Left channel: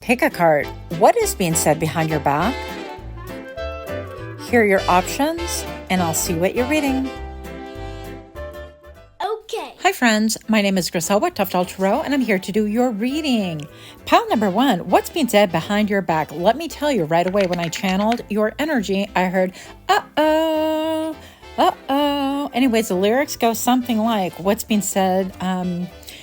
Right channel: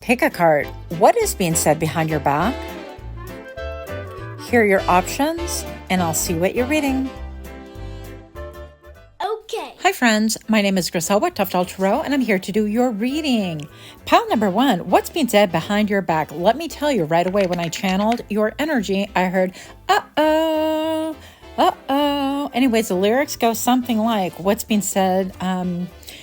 Pick a card. What is being said behind your back? Here are your options, and I'll see what you're reading. Okay. Hi friends, my name is Griselle with Toughdolltarot, and I'm here to do your reading. Pile number 1, what's being said behind your back? Let me tell you right away, when I channeled your energy, I heard, uh-oh, uh-oh. Anyways, the lyrics go something like, what's being said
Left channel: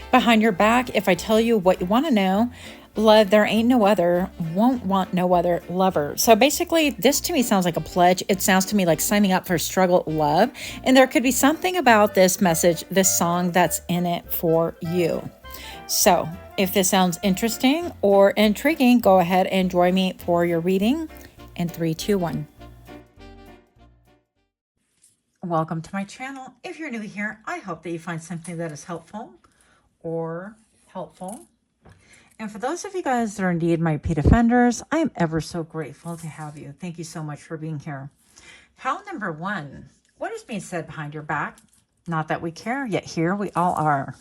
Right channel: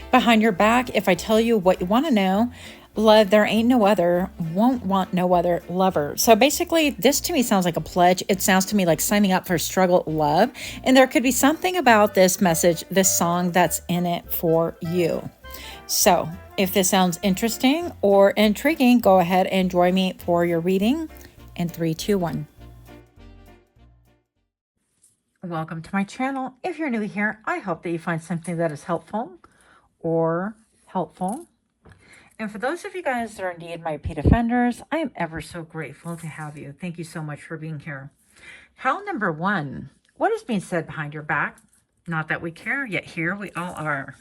behind your back? If I tell you what you want to know, love, there ain't no other, won't want no other lover. So basically, this to me sounds like a pledge. It sounds to me like signing up for struggle love. And there could be something about this message, this song that's in it for you. So if this sounds interesting or intriguing, go ahead and join me for your reading in 3, 2, 1. Welcome to my channel. If you're new here, I hope that you find something that is helpful or helpful. And for those of you guys that are indeed my repeat offenders, I am ever so grateful to have you. Thank you so much for being here. Pile number 1, what is being said behind your back? Not that we care, yet here we all are,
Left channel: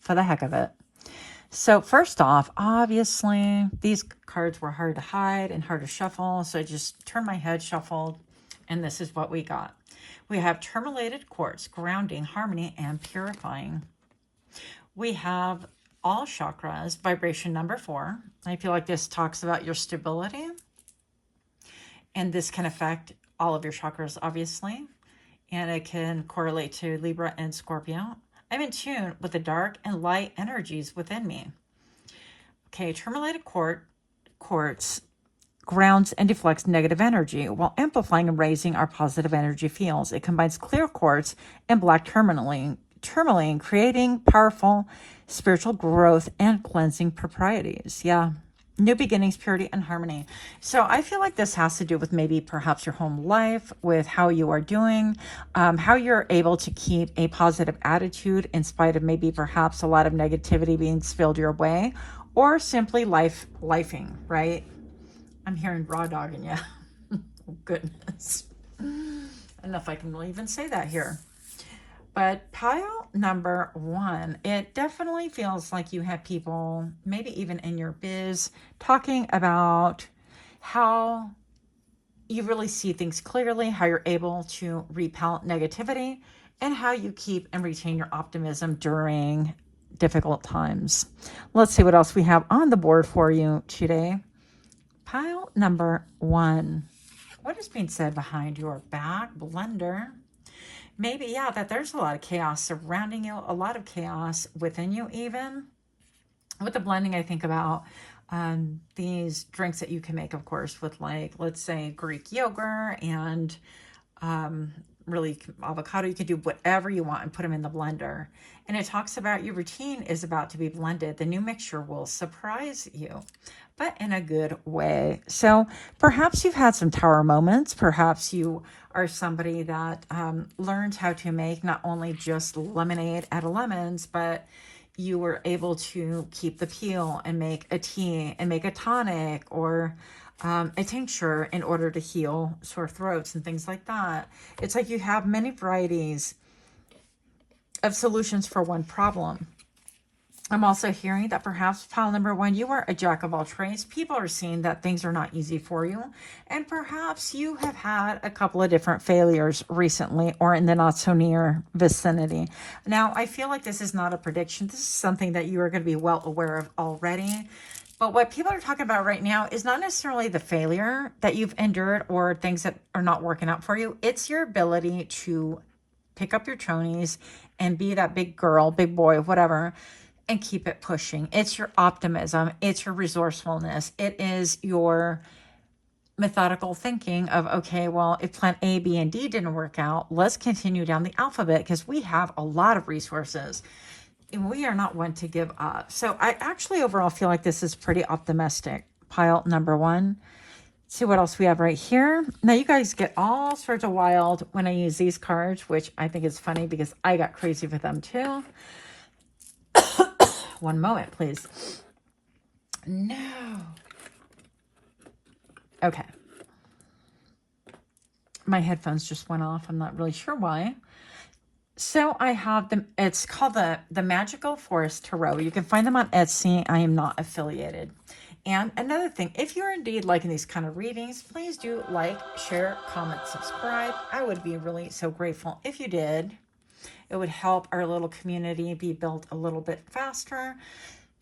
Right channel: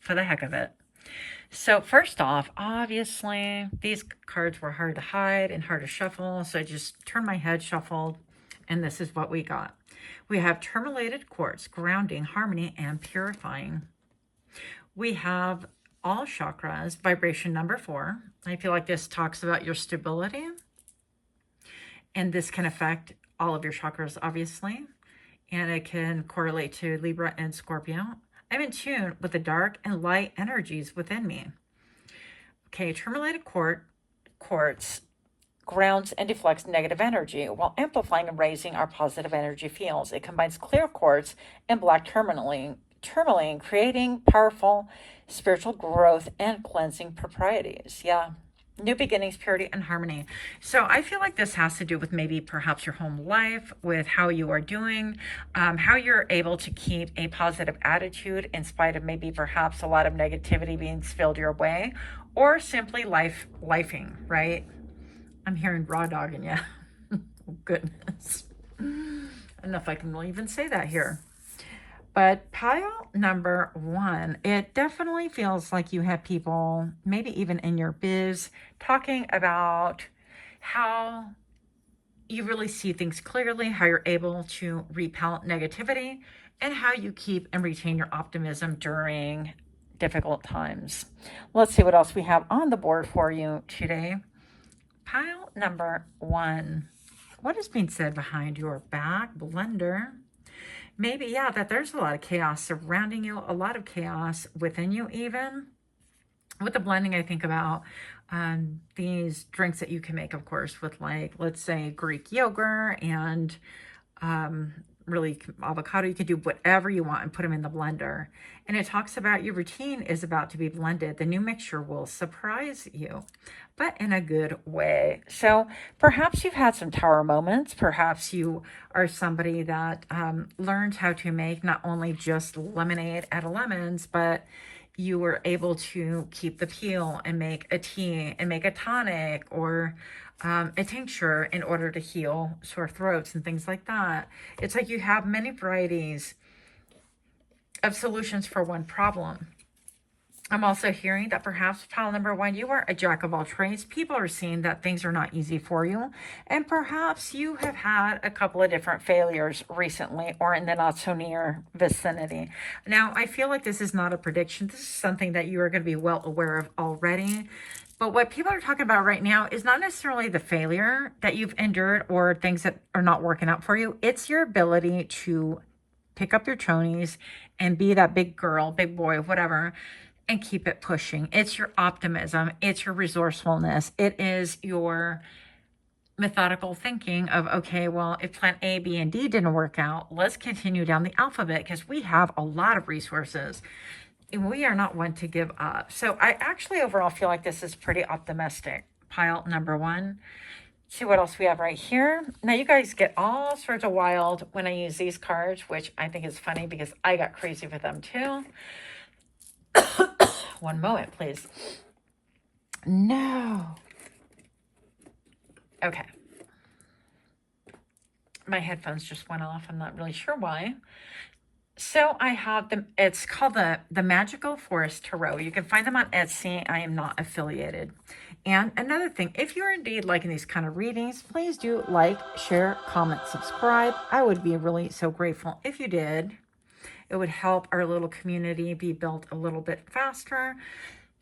for the heck of it. So first off, obviously, these cards were hard to hide and hard to shuffle, so I just turned my head, shuffled, and this is what we got. We have tourmalated quartz, grounding, harmony, and purifying. We have all chakras, vibration number 4. I feel like this talks about your stability. And this can affect all of your chakras, obviously. And it can correlate to Libra and Scorpio. I'm in tune with the dark and light energies within me. Okay, tourmalated quartz grounds and deflects negative energy while amplifying and raising our positive energy fields. It combines clear quartz and black tourmaline, creating powerful spiritual growth and cleansing properties. Yeah, new beginnings, purity, and harmony. So I feel like this has to do with maybe perhaps your home life, with how you are doing, how you're able to keep a positive attitude in spite of maybe perhaps a lot of negativity being spilled your way, or simply lifing, right? I'm hearing raw dog in you. Oh, goodness. I don't know if I can really even say that here. But pile number 1, it definitely feels like you have people, maybe even in your biz, talking about how you really see things clearly, how you're able to repel negativity, and how you keep and retain your optimism during difficult times. Let's see what else we have on the board for you today. Pile number 1, what is being said behind your back? Blender. Maybe, yeah, that there's a lot of chaos surrounding you, a lot of chaos within you even. With the blending, I think about these drinks that you can make, of course, with like, let's say, Greek yogurt and really avocado. You can do whatever you want and put them in the blender. And it talks about your routine is about to be blended. The new mixture will surprise you, but in a good way. So perhaps you've had some tower moments. Perhaps you are somebody that learned how to make not only just lemonade out of lemons, but you were able to keep the peel and make a tea and make a tonic or a tincture in order to heal sore throats and things like that. It's like you have many varieties of solutions for one problem. I'm also hearing that perhaps pile number 1, you are a jack of all trades. People are seeing that things are not easy for you. And perhaps you have had a couple of different failures recently or in the not so near vicinity. Now, I feel like this is not a prediction. This is something that you are going to be well aware of already. But what people are talking about right now is not necessarily the failure that you've endured or things that are not working out for you. It's your ability to pick up your chonies and be that big girl, big boy, whatever, and keep it pushing. It's your optimism. It's your resourcefulness. It is your methodical thinking of, okay, well, if plan A, B, and D didn't work out, let's continue down the alphabet because we have a lot of resources. And we are not one to give up. So I actually overall feel like this is pretty optimistic. Pile number 1. See what else we have right here. Now you guys get all sorts of wild when I use these cards, which I think is funny because I got crazy with them too. One moment, please. No. Okay. My headphones just went off. I'm not really sure why. So I have them. It's called the Magical Forest Tarot. You can find them on Etsy. I am not affiliated. And another thing, if you're indeed liking these kind of readings, please do like, share, comment, subscribe. I would be really so grateful if you did. It would help our little community be built a little bit faster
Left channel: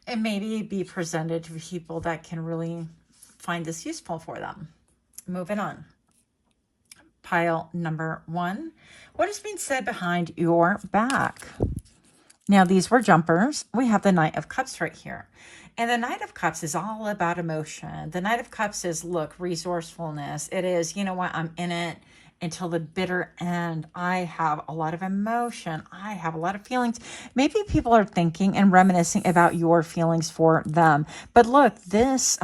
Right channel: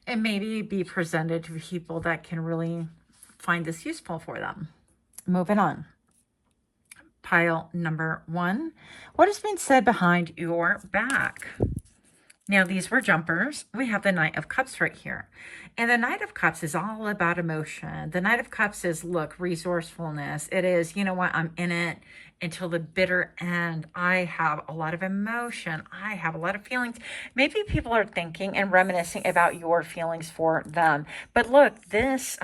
and maybe be presented to people that can really find this useful for them. Moving on. Pile number 1. What is being said behind your back? Now, these were jumpers. We have the Knight of Cups right here. And the Knight of Cups is all about emotion. The Knight of Cups is, look, resourcefulness. It is, you know what, I'm in it until the bitter end. I have a lot of emotion. I have a lot of feelings. Maybe people are thinking and reminiscing about your feelings for them. But look, this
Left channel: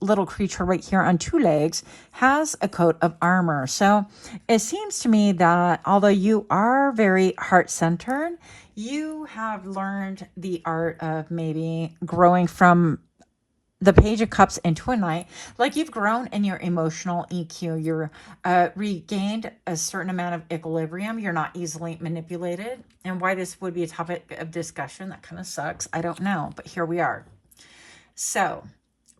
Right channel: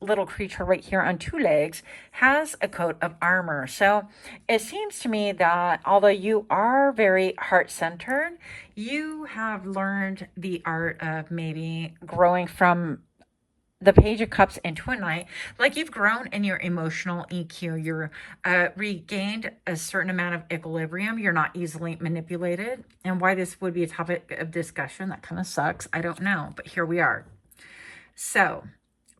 little creature right here on 2 legs has a coat of armor. So it seems to me that although you are very heart-centered, you have learned the art of maybe growing from the Page of Cups into a Knight. Like, you've grown in your emotional EQ. You're regained a certain amount of equilibrium. You're not easily manipulated. And why this would be a topic of discussion, that kind of sucks, I don't know. But here we are. So,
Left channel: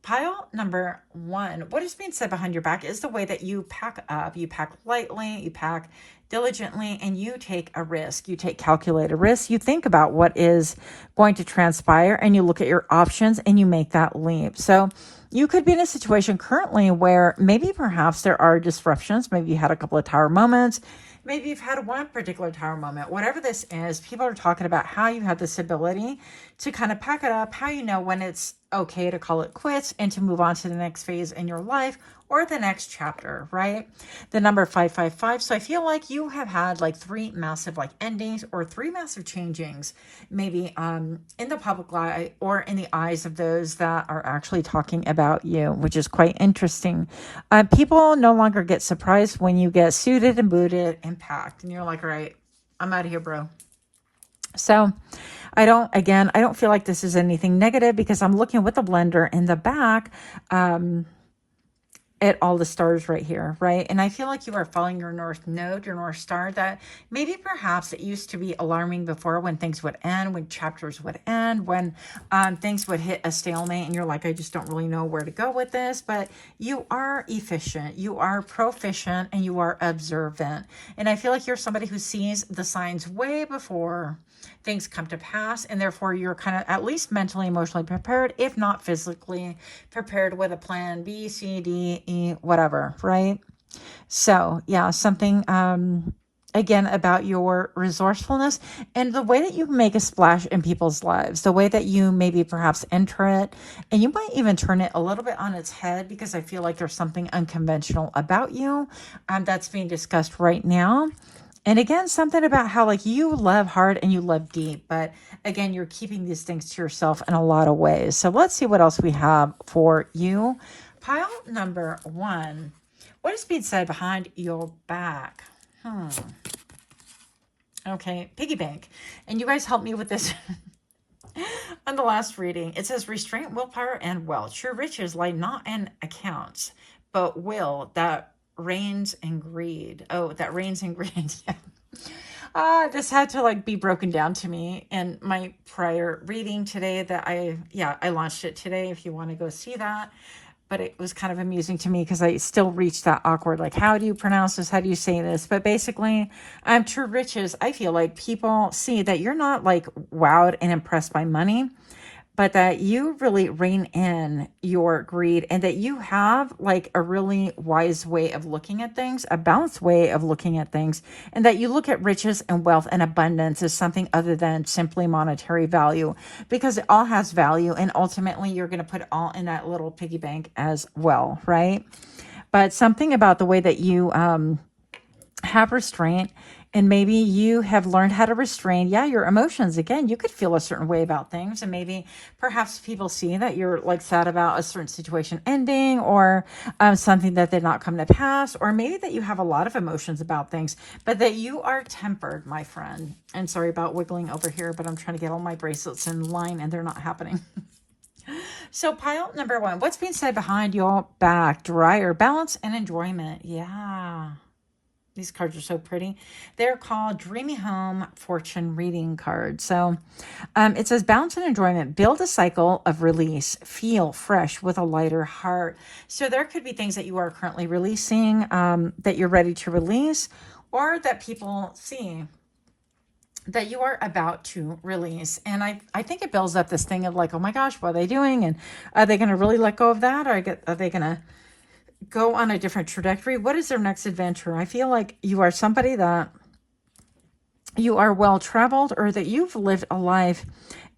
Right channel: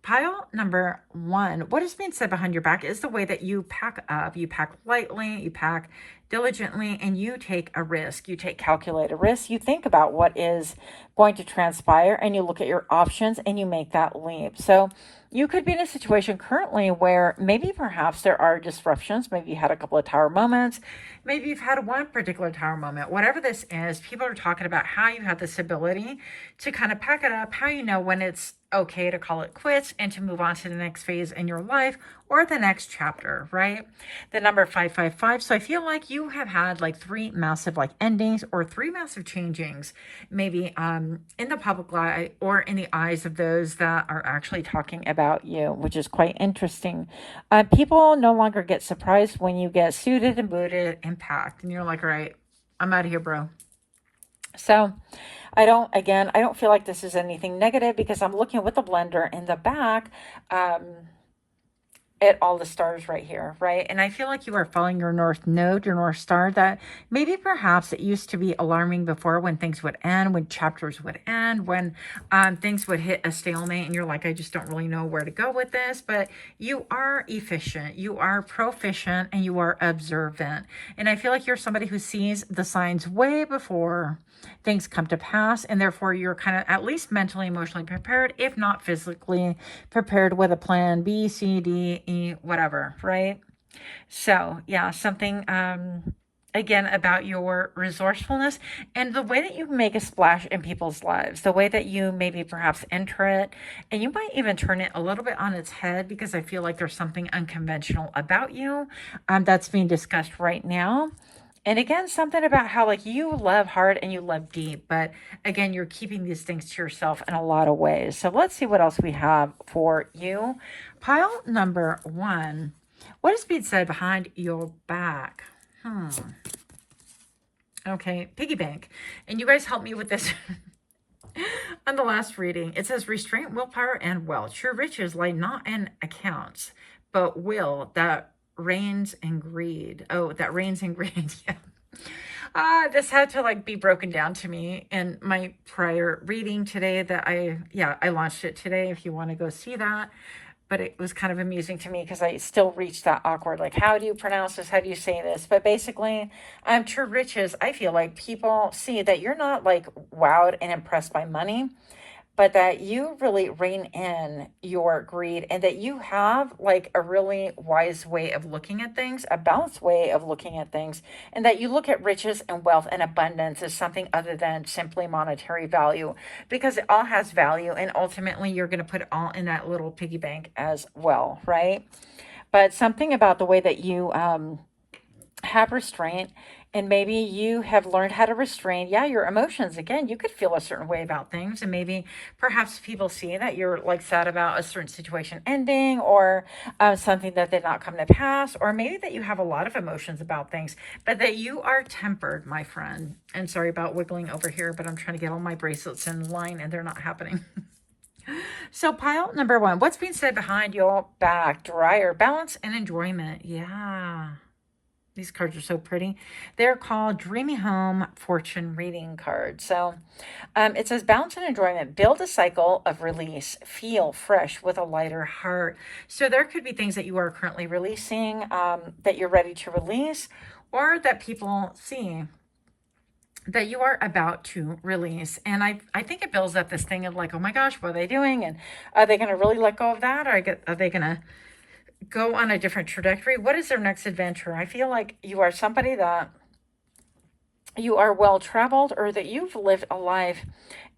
pile number 1. What is being said behind your back is the way that you pack up. You pack lightly, you pack diligently, and you take a risk. You take calculated risks. You think about what is going to transpire, and you look at your options, and you make that leap. So you could be in a situation currently where maybe perhaps there are disruptions. Maybe you had a couple of tower moments. Maybe you've had one particular tower moment. Whatever this is, people are talking about how you have this ability to kind of pack it up, how you know when it's okay to call it quits and to move on to the next phase in your life or the next chapter, right? The number 555. So I feel like you have had like 3 massive like endings or 3 massive changings, maybe in the public eye or in the eyes of those that are actually talking about you, which is quite interesting. People no longer get surprised when you get suited and booted and packed and you're like, all right, I'm out of here, bro. So I don't feel like this is anything negative because I'm looking with the blender in the back at all the stars right here, right? And I feel like you are following your North Node, your North Star, that maybe perhaps it used to be alarming before when things would end, when chapters would end, when things would hit a stalemate and you're like, I just don't really know where to go with this. But you are efficient, you are proficient, and you are observant. And I feel like you're somebody who sees the signs way before things come to pass, and therefore you're kind of at least mentally, emotionally prepared, if not physically prepared, with a plan B, C, D, E, whatever, right? So yeah, something again about your resourcefulness and the way that you make a splash in people's lives, the way that you maybe perhaps enter it, and you might even turn it a little bit on its head, because I feel like there's something unconventional about you that's being discussed right now. And again, something about how like you love hard and you love deep, but again, you're keeping these things to yourself in a lot of ways. So let's see what else we have for you. Pile number 1. What is being said behind your back? Okay, piggy bank. And you guys helped me with this on the last reading. It says restraint, willpower, and wealth. True riches lie not in accounts, but will that reigns in greed. Oh, that reigns in greed. This had to like be broken down to me in my prior reading today that I launched it today if you want to go see that. But it was kind of amusing to me because I still reached that awkward, like, how do you pronounce this? How do you say this? But basically, true riches, I feel like people see that you're not like wowed and impressed by money, but that you really rein in your greed, and that you have like a really wise way of looking at things, a balanced way of looking at things, and that you look at riches and wealth and abundance as something other than simply monetary value, because it all has value, and ultimately you're going to put it all in that little piggy bank as well, right? But something about the way that you have restraint, and maybe you have learned how to restrain, your emotions. Again, you could feel a certain way about things, and maybe perhaps people see that you're like sad about a certain situation ending, or something that did not come to pass, or maybe that you have a lot of emotions about things, but that you are tempered, my friend. And sorry about wiggling over here, but I'm trying to get all my bracelets in line and they're not happening. So pile number 1, what's being said behind your back? Dryer, balance, and enjoyment. Yeah. These cards are so pretty. They're called Dreamy Home Fortune Reading cards. So it says, balance and enjoyment. Build a cycle of release. Feel fresh with a lighter heart. So there could be things that you are currently releasing, that you're ready to release, or that people see that you are about to release. And I think it builds up this thing of like, oh my gosh, what are they doing? And are they going to really let go of that? Or are they going to go on a different trajectory? What is their next adventure? I feel like you are somebody that you are well traveled, or that you've lived a life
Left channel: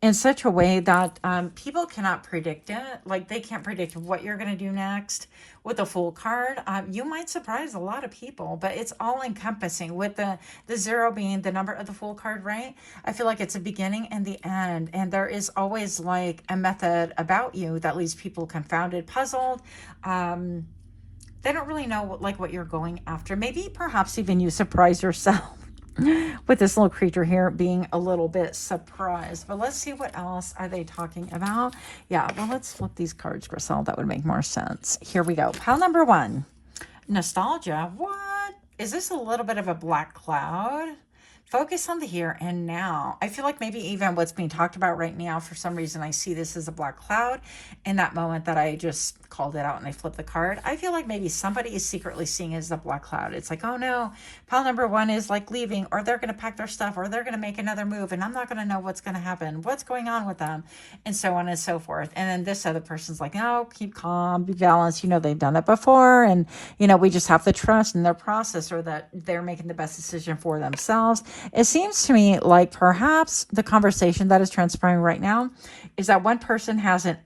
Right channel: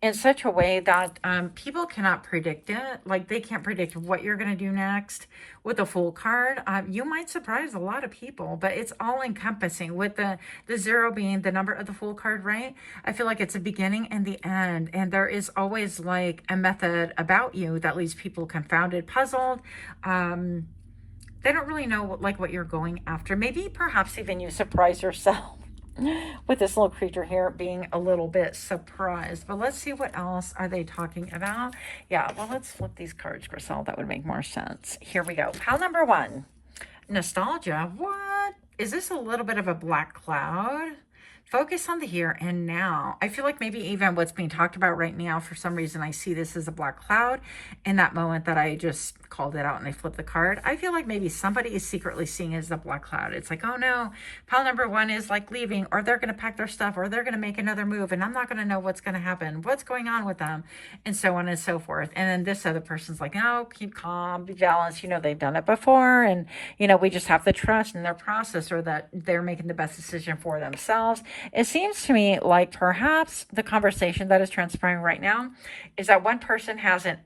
in such a way that people cannot predict it. Like they can't predict what you're going to do next. With a Fool card, you might surprise a lot of people, but it's all encompassing, with the 0 being the number of the Fool card, right? I feel like it's a beginning and the end, and there is always like a method about you that leaves people confounded, puzzled. They don't really know what you're going after. Maybe perhaps even you surprise yourself with this little creature here being a little bit surprised. But let's see, what else are they talking about? Yeah, well, let's flip these cards, Grisel. That would make more sense. Here we go. Pile number 1, nostalgia. What? Is this a little bit of a black cloud? Focus on the here and now. I feel like maybe even what's being talked about right now, for some reason, I see this as a black cloud. In that moment that I just called it out and I flipped the card, I feel like maybe somebody is secretly seeing it as a black cloud. It's like, oh no, pile number 1 is like leaving, or they're going to pack their stuff, or they're going to make another move, and I'm not going to know what's going to happen, what's going on with them, and so on and so forth. And then this other person's like, no, keep calm, be balanced. You know, they've done it before, and, you know, we just have to trust in their process, or that they're making the best decision for themselves. It seems to me like perhaps the conversation that is transpiring right now is that one person has an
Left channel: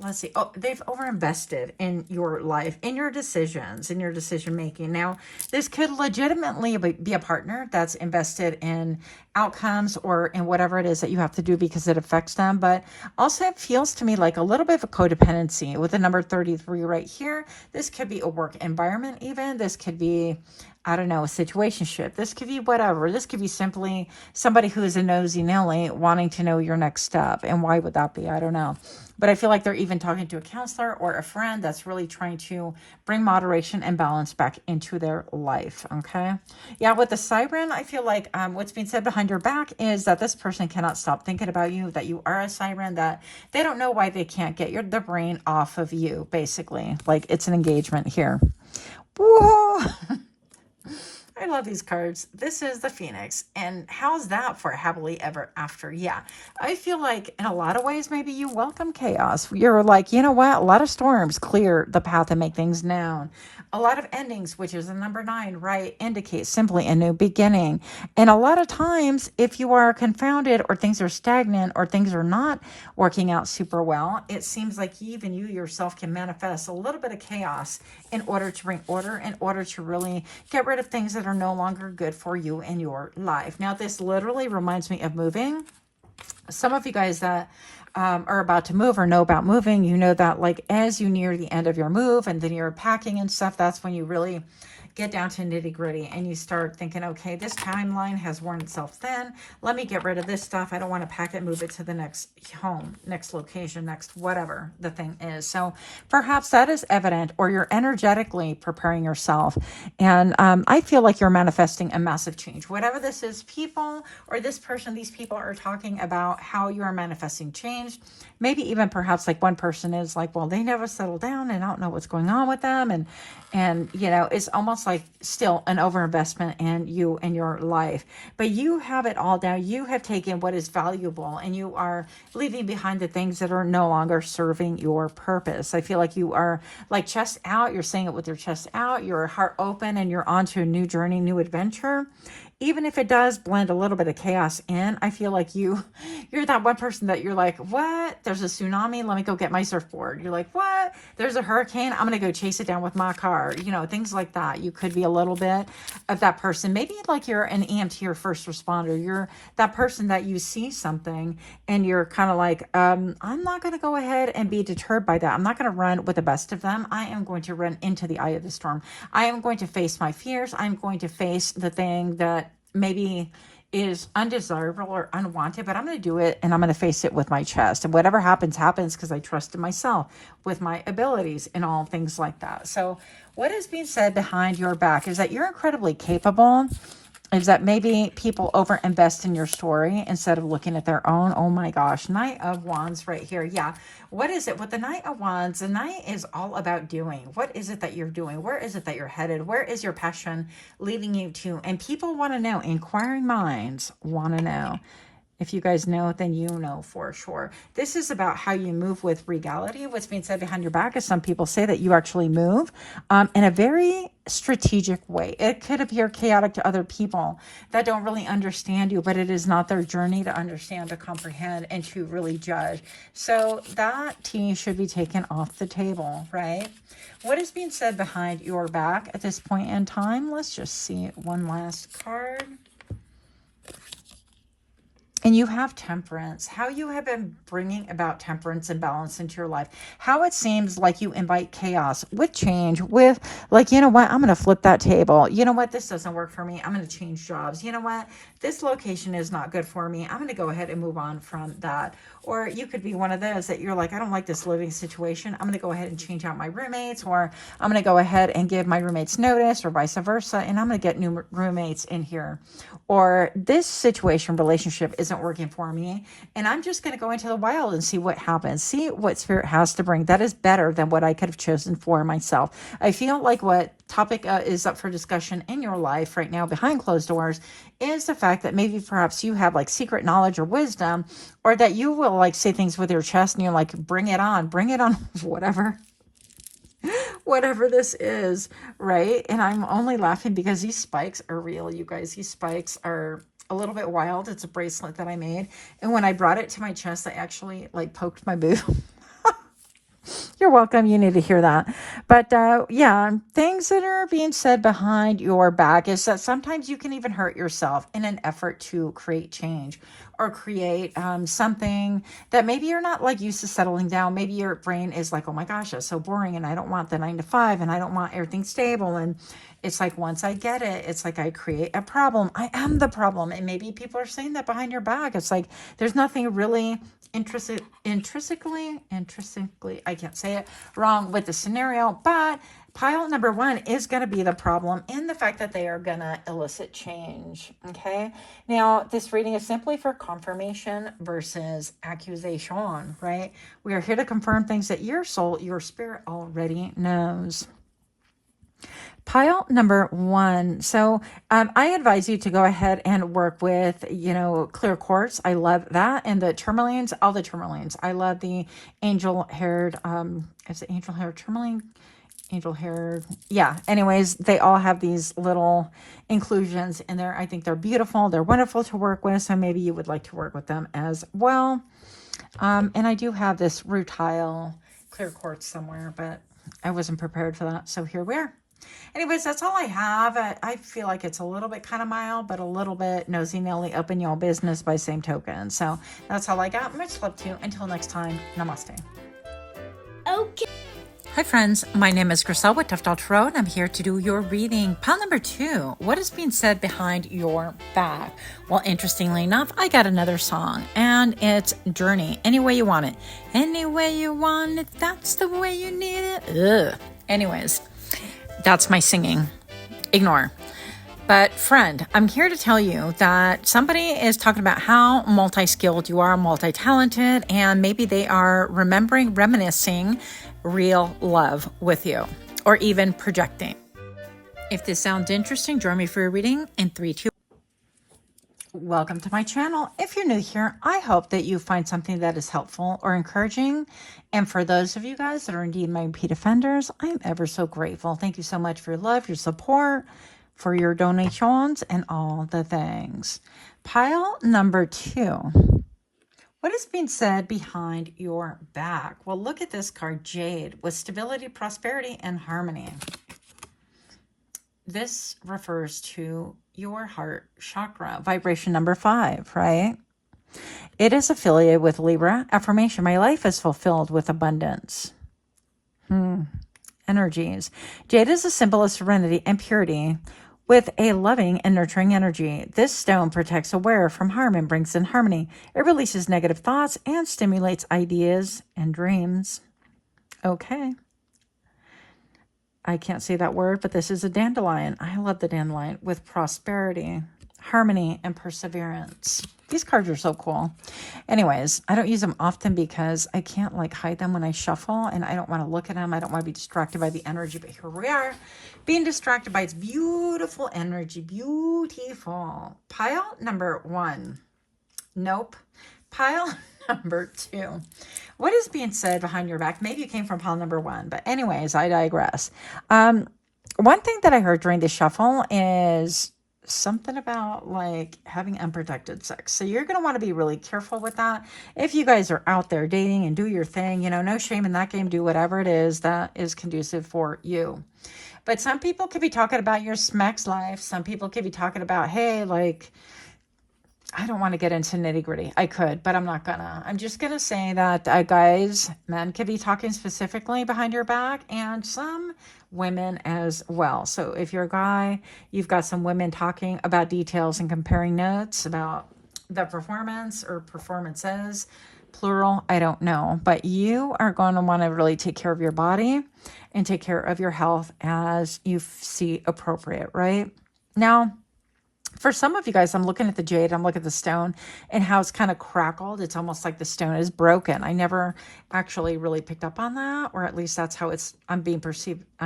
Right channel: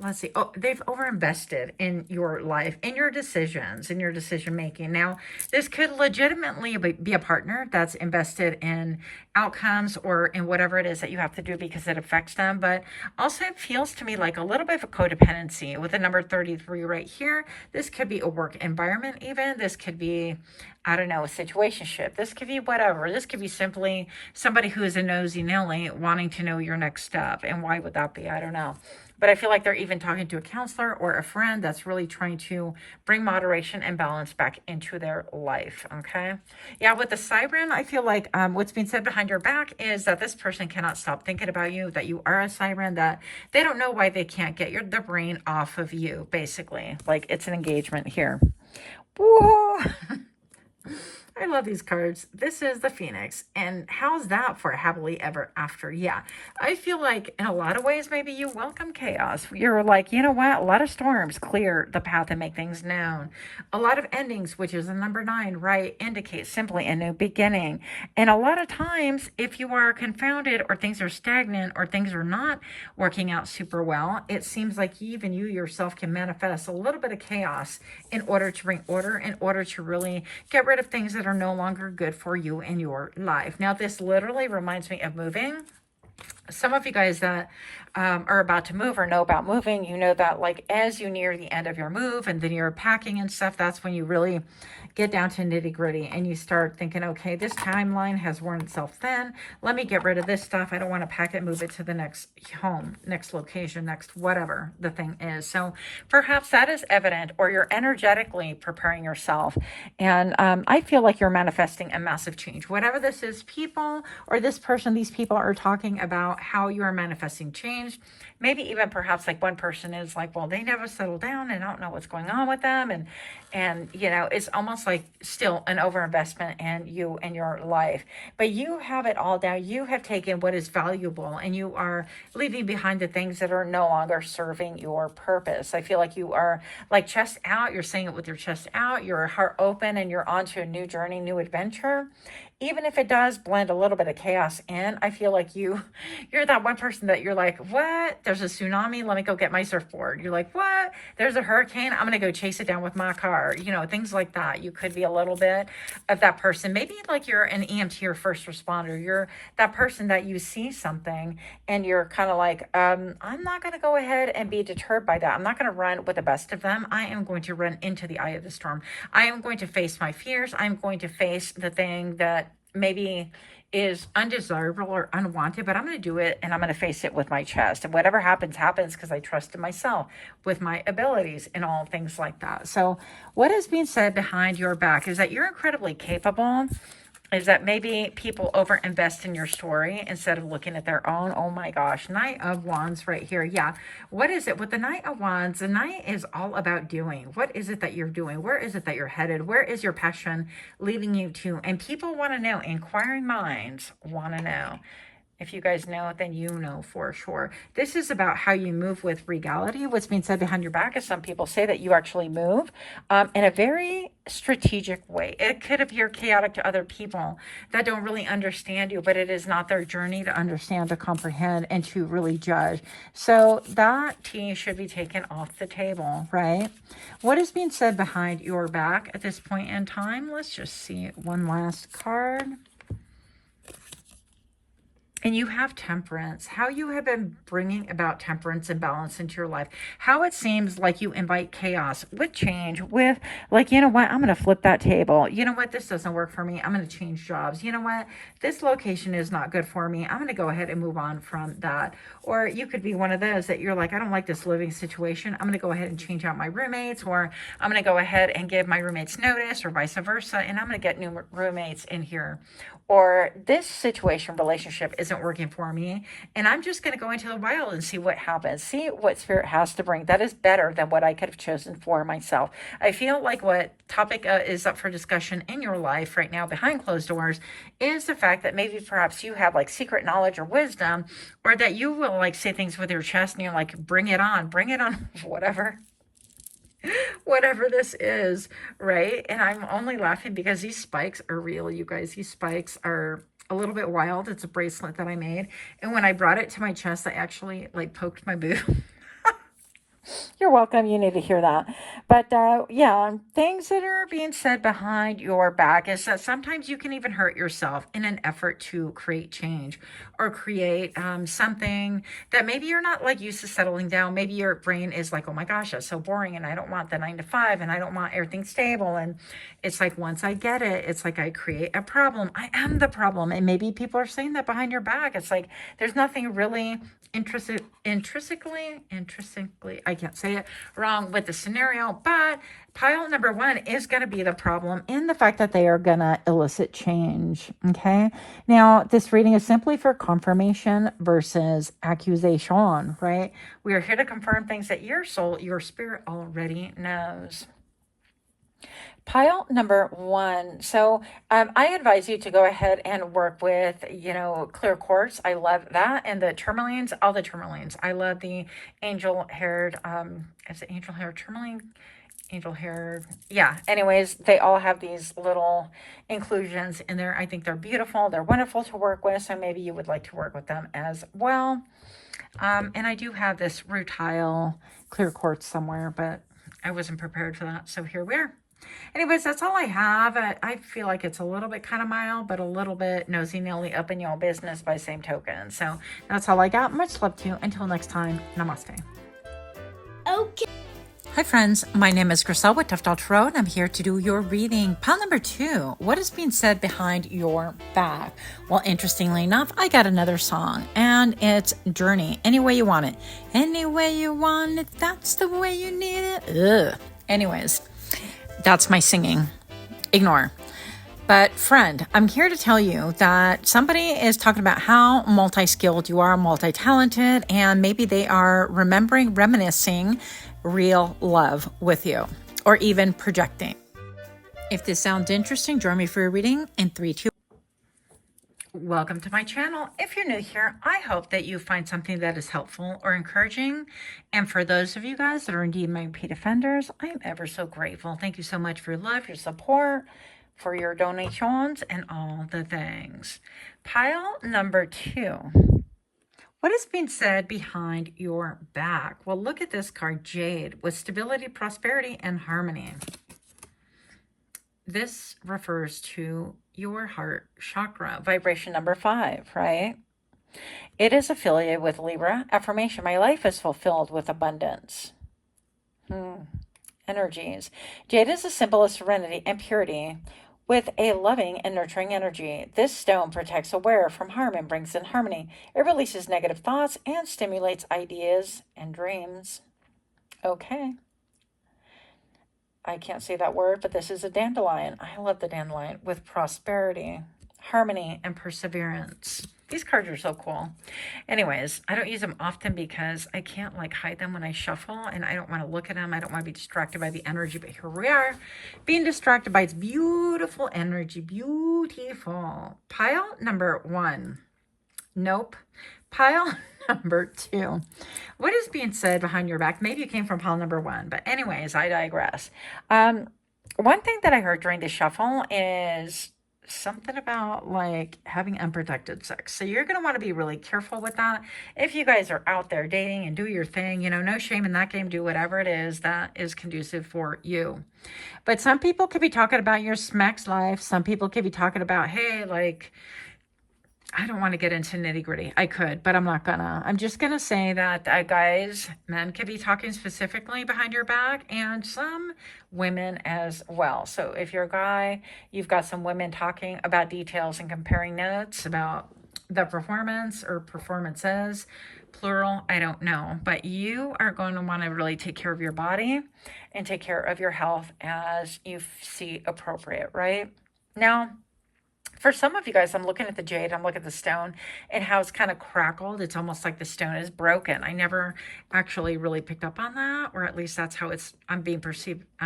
they've overinvested in your life, in your decisions, in your decision making. Now, this could legitimately be a partner that's invested in outcomes or in whatever it is that you have to do because it affects them. But also it feels to me like a little bit of a codependency with the number 33 right here. This could be a work environment even. This could be, I don't know, a situationship. This could be whatever. This could be simply somebody who is a nosy Nelly wanting to know your next step. And why would that be? I don't know. But I feel like they're even talking to a counselor or a friend that's really trying to bring moderation and balance back into their life, okay? Yeah, with the siren, I feel like what's being said behind your back is that this person cannot stop thinking about you, that you are a siren, that they don't know why they can't get their brain off of you, basically. Like, it's an engagement here. Whoa! I love these cards. This is the Phoenix. And how's that for happily ever after? Yeah, I feel like in a lot of ways, maybe you welcome chaos. You're like, you know what? A lot of storms clear the path and make things known. A lot of endings, which is the number 9, right, indicates simply a new beginning. And a lot of times, if you are confounded or things are stagnant or things are not working out super well, it seems like even you yourself can manifest a little bit of chaos in order to bring order, in order to really get rid of things that are no longer good for you in your life. Now, this literally reminds me of moving. Some of you guys that are about to move or know about moving, you know that like as you near the end of your move and then you're packing and stuff, that's when you really get down to nitty gritty and you start thinking, okay, this timeline has worn itself thin. Let me get rid of this stuff. I don't want to pack it, move it to the next home, next location, next whatever the thing is. So perhaps that is evident, or you're energetically preparing yourself. And I feel like you're manifesting a massive change. Whatever this is, people or this person, these people are talking about how you are manifesting change. Maybe even perhaps like one person is like, well, they never settle down and I don't know what's going on with them. And you know, it's almost like still an overinvestment in you and your life. But you have it all down. You have taken what is valuable and you are leaving behind the things that are no longer serving your purpose. I feel like you are like chest out. You're saying it with your chest out, your heart open, and you're onto a new journey, new adventure. Even if it does blend a little bit of chaos in, I feel like you're that one person that you're like, what? There's a tsunami. Let me go get my surfboard. You're like, what? There's a hurricane. I'm going to go chase it down with my car. You know, things like that. You could be a little bit of that person. Maybe like you're an EMT or first responder. You're that person that you see something and you're kind of like, I'm not going to go ahead and be deterred by that. I'm not going to run with the best of them. I am going to run into the eye of the storm. I am going to face my fears. I'm going to face the thing that maybe is undesirable or unwanted, but I'm going to do it and I'm going to face it with my chest. And whatever happens, happens, because I trust in myself with my abilities and all things like that. So what is being said behind your back is that you're incredibly capable. Is that maybe people overinvest in your story instead of looking at their own. Oh my gosh, Knight of Wands right here. Yeah, what is it with the Knight of Wands? The Knight is all about doing. What is it that you're doing? Where is it that you're headed? Where is your passion leading you to? And people want to know. Inquiring minds want to know. If you guys know, then you know for sure. This is about how you move with regality. What's being said behind your back is some people say that you actually move in a very strategic way. It could appear chaotic to other people that don't really understand you, but it is not their journey to understand, to comprehend, and to really judge. So that tea should be taken off the table, right? What is being said behind your back at this point in time? Let's just see one last card. And you have temperance, how you have been bringing about temperance and balance into your life, how it seems like you invite chaos with change, with like, you know what, I'm going to flip that table. You know what, this doesn't work for me. I'm going to change jobs. You know what, this location is not good for me. I'm going to go ahead and move on from that. Or you could be one of those that you're like, I don't like this living situation. I'm going to go ahead and change out my roommates, or I'm going to go ahead and give my roommates notice, or vice versa. And I'm going to get new roommates in here. Or this situation, relationship isn't working for me, and I'm just going to go into the wild and see what happens. See what spirit has to bring. That is better than what I could have chosen for myself. I feel like what topic is up for discussion in your life right now behind closed doors is the fact that maybe perhaps you have like secret knowledge or wisdom, or that you will like say things with your chest and you're like, bring it on, whatever this is, right? And I'm only laughing because these spikes are real, you guys. These spikes are a little bit wild. It's a bracelet that I made, and when I brought it to my chest, I actually like poked my boob. You're welcome. You need to hear that. But yeah, things that are being said behind your back is that sometimes you can even hurt yourself in an effort to create change, or create something that maybe you're not like used to settling down. Maybe your brain is like, oh my gosh, that's so boring, and I don't want the 9 to 5, and I don't want everything stable. And it's like, once I get it, it's like I create a problem. I am the problem. And maybe people are saying that behind your back. It's like there's nothing really intrinsically, I can't say it wrong with the scenario, but pile number 1 is going to be the problem in the fact that they are going to elicit change. Okay. Now, this reading is simply for confirmation versus accusation, right? We are here to confirm things that your soul, your spirit already knows. Pile number 1. So I advise you to go ahead and work with, clear quartz. I love that. And the tourmalines, all the tourmalines. I love the angel-haired, is it angel-haired tourmaline? Angel-haired. Yeah. Anyways, they all have these little inclusions in there. I think they're beautiful. They're wonderful to work with. So maybe you would like to work with them as well. And I do have this rutile clear quartz somewhere, but I wasn't prepared for that. So here we are. Anyways, that's all I have. I feel like it's a little bit kind of mild, but a little bit nosy-nilly up in y'all business by same token. So that's all I got. Much love to you. Until next time, namaste. Okay. Hi friends, my name is Griselle with Toughdolltarot, and I'm here to do your reading. Pile number 2, what is being said behind your back? Well, interestingly enough, I got another song, and it's Journey. Any way you want it. Any way you want it, that's the way you need it. Ugh. Anyways, that's my singing. Ignore. But friend, I'm here to tell you that somebody is talking about how multi-skilled you are, multi-talented, and maybe they are reminiscing real love with you, or even projecting. If this sounds interesting, join me for a reading in 3, 2. Welcome to my channel. If you're new here, I hope that you find something that is helpful or encouraging. And for those of you guys that are indeed my repeat offenders, I am ever so grateful. Thank you so much for your love, your support, for your donations, and all the things. Pile number 2. What is being said behind your back? Well, look at this card, Jade, with stability, prosperity, and harmony. This refers to your heart chakra, vibration number 5, right? It is affiliated with Libra. Affirmation, my life is fulfilled with abundance. Energies. Jade is a symbol of serenity and purity, with a loving and nurturing energy. This stone protects a wearer from harm and brings in harmony. It releases negative thoughts and stimulates ideas and dreams. Okay. I can't say that word, but this is a dandelion. I love the dandelion with prosperity, harmony, and perseverance. These cards are so cool. Anyways, I don't use them often because I can't like hide them when I shuffle, and I don't want to look at them. I don't want to be distracted by the energy, but here we are being distracted by its beautiful energy. Beautiful. Pile number 1. Nope. Pile number 2. What is being said behind your back? Maybe you came from pile number 1, but anyways, I digress. One thing that I heard during the shuffle is something about like having unprotected sex. So you're going to want to be really careful with that. If you guys are out there dating and do your thing, you know, no shame in that game. Do whatever it is that is conducive for you. But some people could be talking about your sex life. Some people could be talking about, hey, like, I don't want to get into nitty gritty. I could, but I'm not gonna. I'm just gonna say that guys, men could be talking specifically behind your back, and some women as well. So if you're a guy, you've got some women talking about details and comparing notes about the performance or performances, plural, I don't know. But you are going to want to really take care of your body and take care of your health as you see appropriate, right? Now, for some of you guys, I'm looking at the jade, I'm looking at the stone and how it's kind of crackled. It's almost like the stone is broken. I never actually really picked up on that, or at least that's how I'm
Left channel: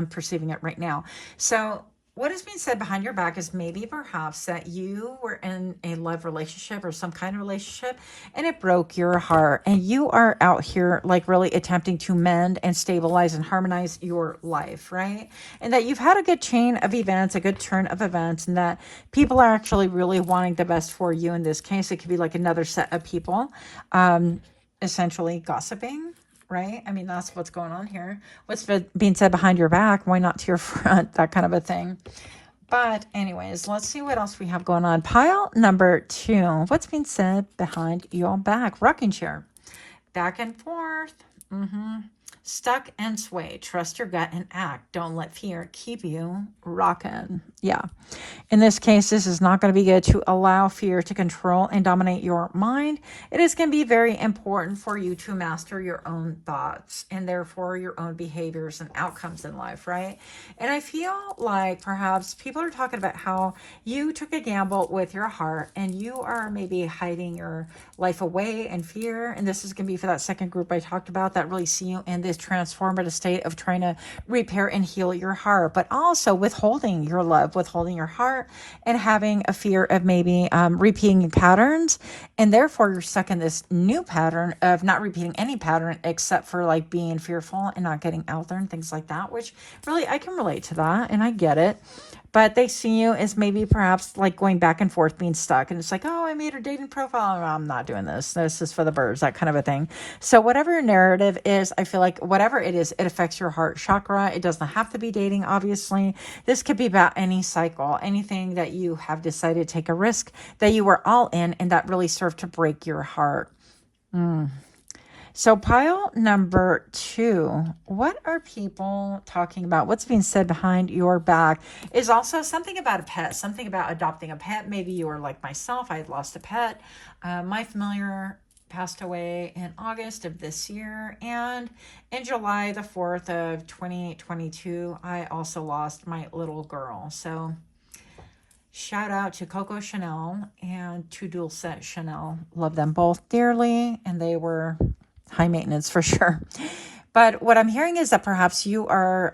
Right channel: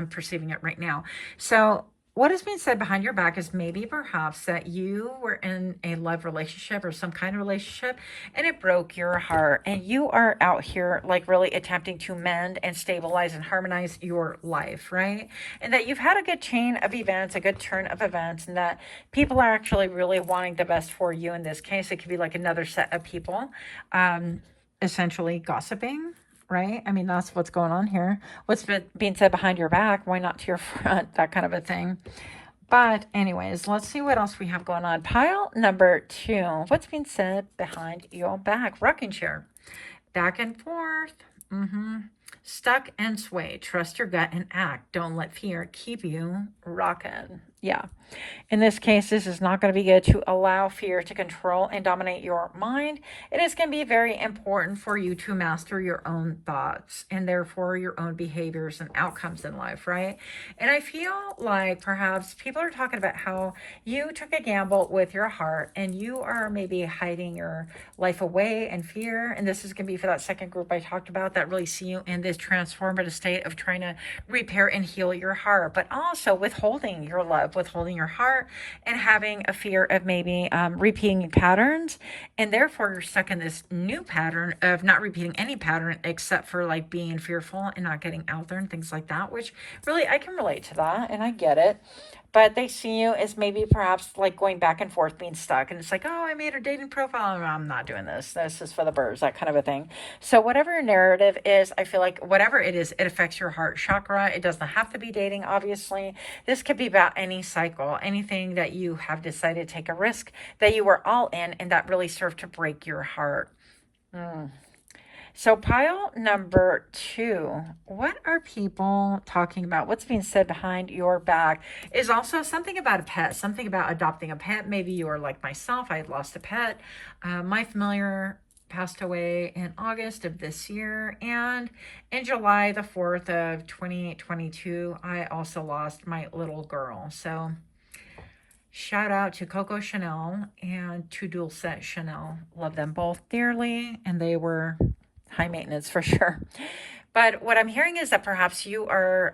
perceiving it right now. So what is being said behind your back is maybe perhaps that you were in a love relationship or some kind of relationship and it broke your heart, and you are out here like really attempting to mend and stabilize and harmonize your life, right? And that you've had a good chain of events, a good turn of events, and that people are actually really wanting the best for you. In this case, it could be like another set of people essentially gossiping, right? I mean, that's what's going on here. What's being said behind your back, why not to your front? That kind of a thing. But anyways, let's see what else we have going on. Pile number 2. What's being said behind your back? Rocking chair. Back and forth. Stuck and sway. Trust your gut and act. Don't let fear keep you rocking. Yeah. In this case, this is not going to be good to allow fear to control and dominate your mind. It is going to be very important for you to master your own thoughts and therefore your own behaviors and outcomes in life, right? And I feel like perhaps people are talking about how you took a gamble with your heart and you are maybe hiding your life away in fear. And this is going to be for that second group I talked about that really see you in this transformative state of trying to repair and heal your heart, but also withholding your love, withholding your heart, and having a fear of maybe repeating patterns, and therefore you're stuck in this new pattern of not repeating any pattern except for like being fearful and not getting out there and things like that, which really I can relate to that and I get it. But they see you as maybe perhaps like going back and forth, being stuck. And it's like, oh, I made a dating profile. I'm not doing this. This is for the birds, that kind of a thing. So whatever your narrative is, I feel like whatever it is, it affects your heart chakra. It doesn't have to be dating, obviously. This could be about any cycle, anything that you have decided to take a risk, that you were all in, and that really served to break your heart. So pile number 2, what are people talking about? What's being said behind your back is also something about a pet, something about adopting a pet. Maybe you are like myself. I had lost a pet. My familiar passed away in August of this year. And in July the 4th of 2022, I also lost my little girl. So shout out to Coco Chanel and to Dulcet Chanel. Love them both dearly. And they were high maintenance for sure. But what I'm hearing is that perhaps you are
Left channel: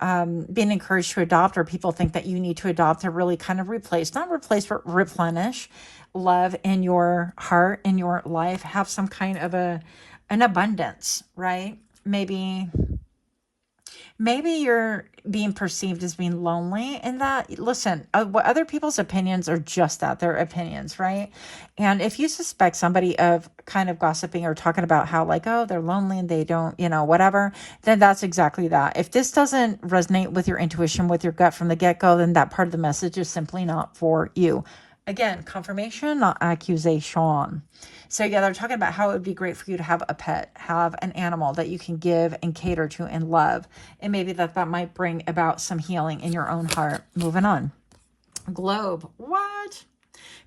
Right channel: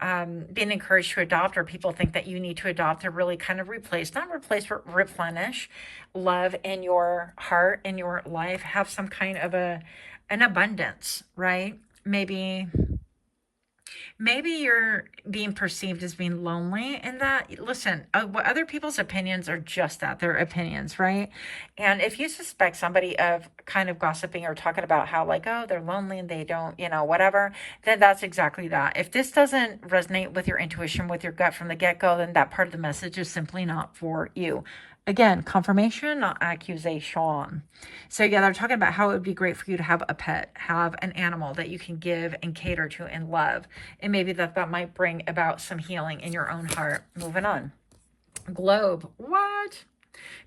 being encouraged to adopt, or people think that you need to adopt to really kind of replace, not replace, but replenish love in your heart, in your life, have some kind of an abundance, right? Maybe you're being perceived as being lonely, and that, listen, other people's opinions are just that, they're opinions, right? And if you suspect somebody of kind of gossiping or talking about how like, oh, they're lonely and they don't, you know, whatever, then that's exactly that. If this doesn't resonate with your intuition, with your gut from the get-go, then that part of the message is simply not for you. Again, confirmation, not accusation. So yeah, they're talking about how it would be great for you to have a pet, have an animal that you can give and cater to and love. And maybe that might bring about some healing in your own heart. Moving on. Globe. What?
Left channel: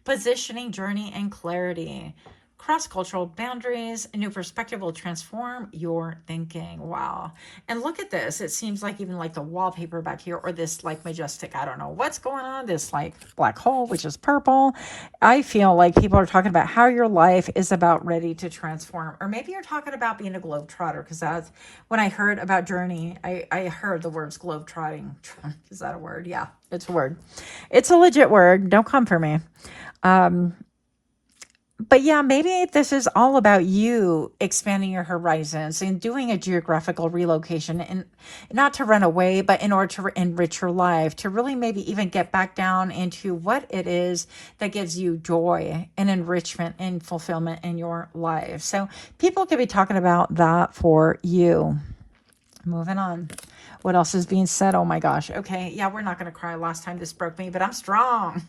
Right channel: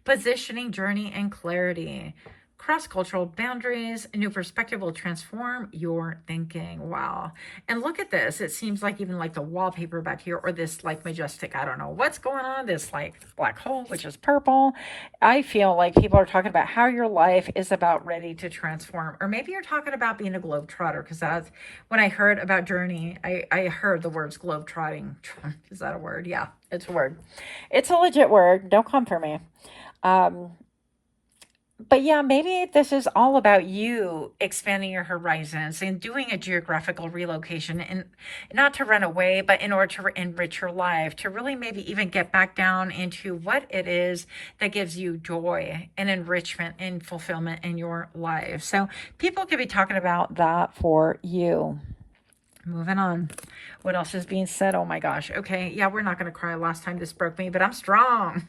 Positioning, journey, and clarity. Cross-cultural boundaries, a new perspective will transform your thinking. Wow. And look at this. It seems like even like the wallpaper back here, or this like majestic, I don't know what's going on, this like black hole, which is purple. I feel like people are talking about how your life is about ready to transform. Or maybe you're talking about being a globetrotter, because that's when I heard about journey, I heard the words globetrotting. Is that a word? Yeah, it's a word. It's a legit word. Don't come for me. But yeah, maybe this is all about you expanding your horizons and doing a geographical relocation, and not to run away, but in order to enrich your life, to really maybe even get back down into what it is that gives you joy and enrichment and fulfillment in your life. So people could be talking about that for you. Moving on. What else is being said? Oh my gosh. Okay. Yeah, we're not going to cry. Last time this broke me, but I'm strong.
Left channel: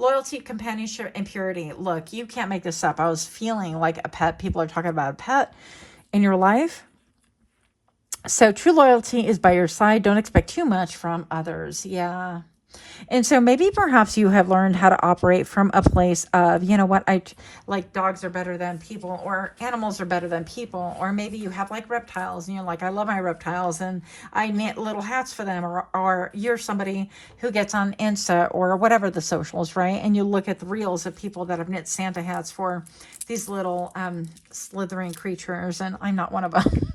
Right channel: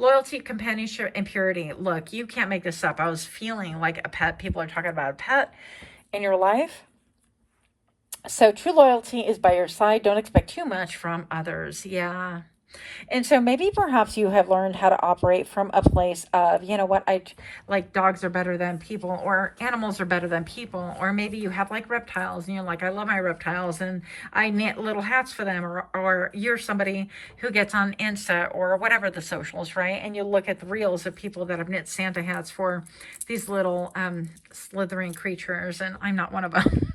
Loyalty, companionship, and purity. Look, you can't make this up. I was feeling like a pet. People are talking about a pet in your life. So true loyalty is by your side. Don't expect too much from others. Yeah. And so maybe perhaps you have learned how to operate from a place of, you know what, I like dogs are better than people, or animals are better than people. Or maybe you have like reptiles, and you're like, I love my reptiles and I knit little hats for them. Or you're somebody who gets on Insta or whatever the socials, right? And you look at the reels of people that have knit Santa hats for these little slithering creatures. And I'm not one of them.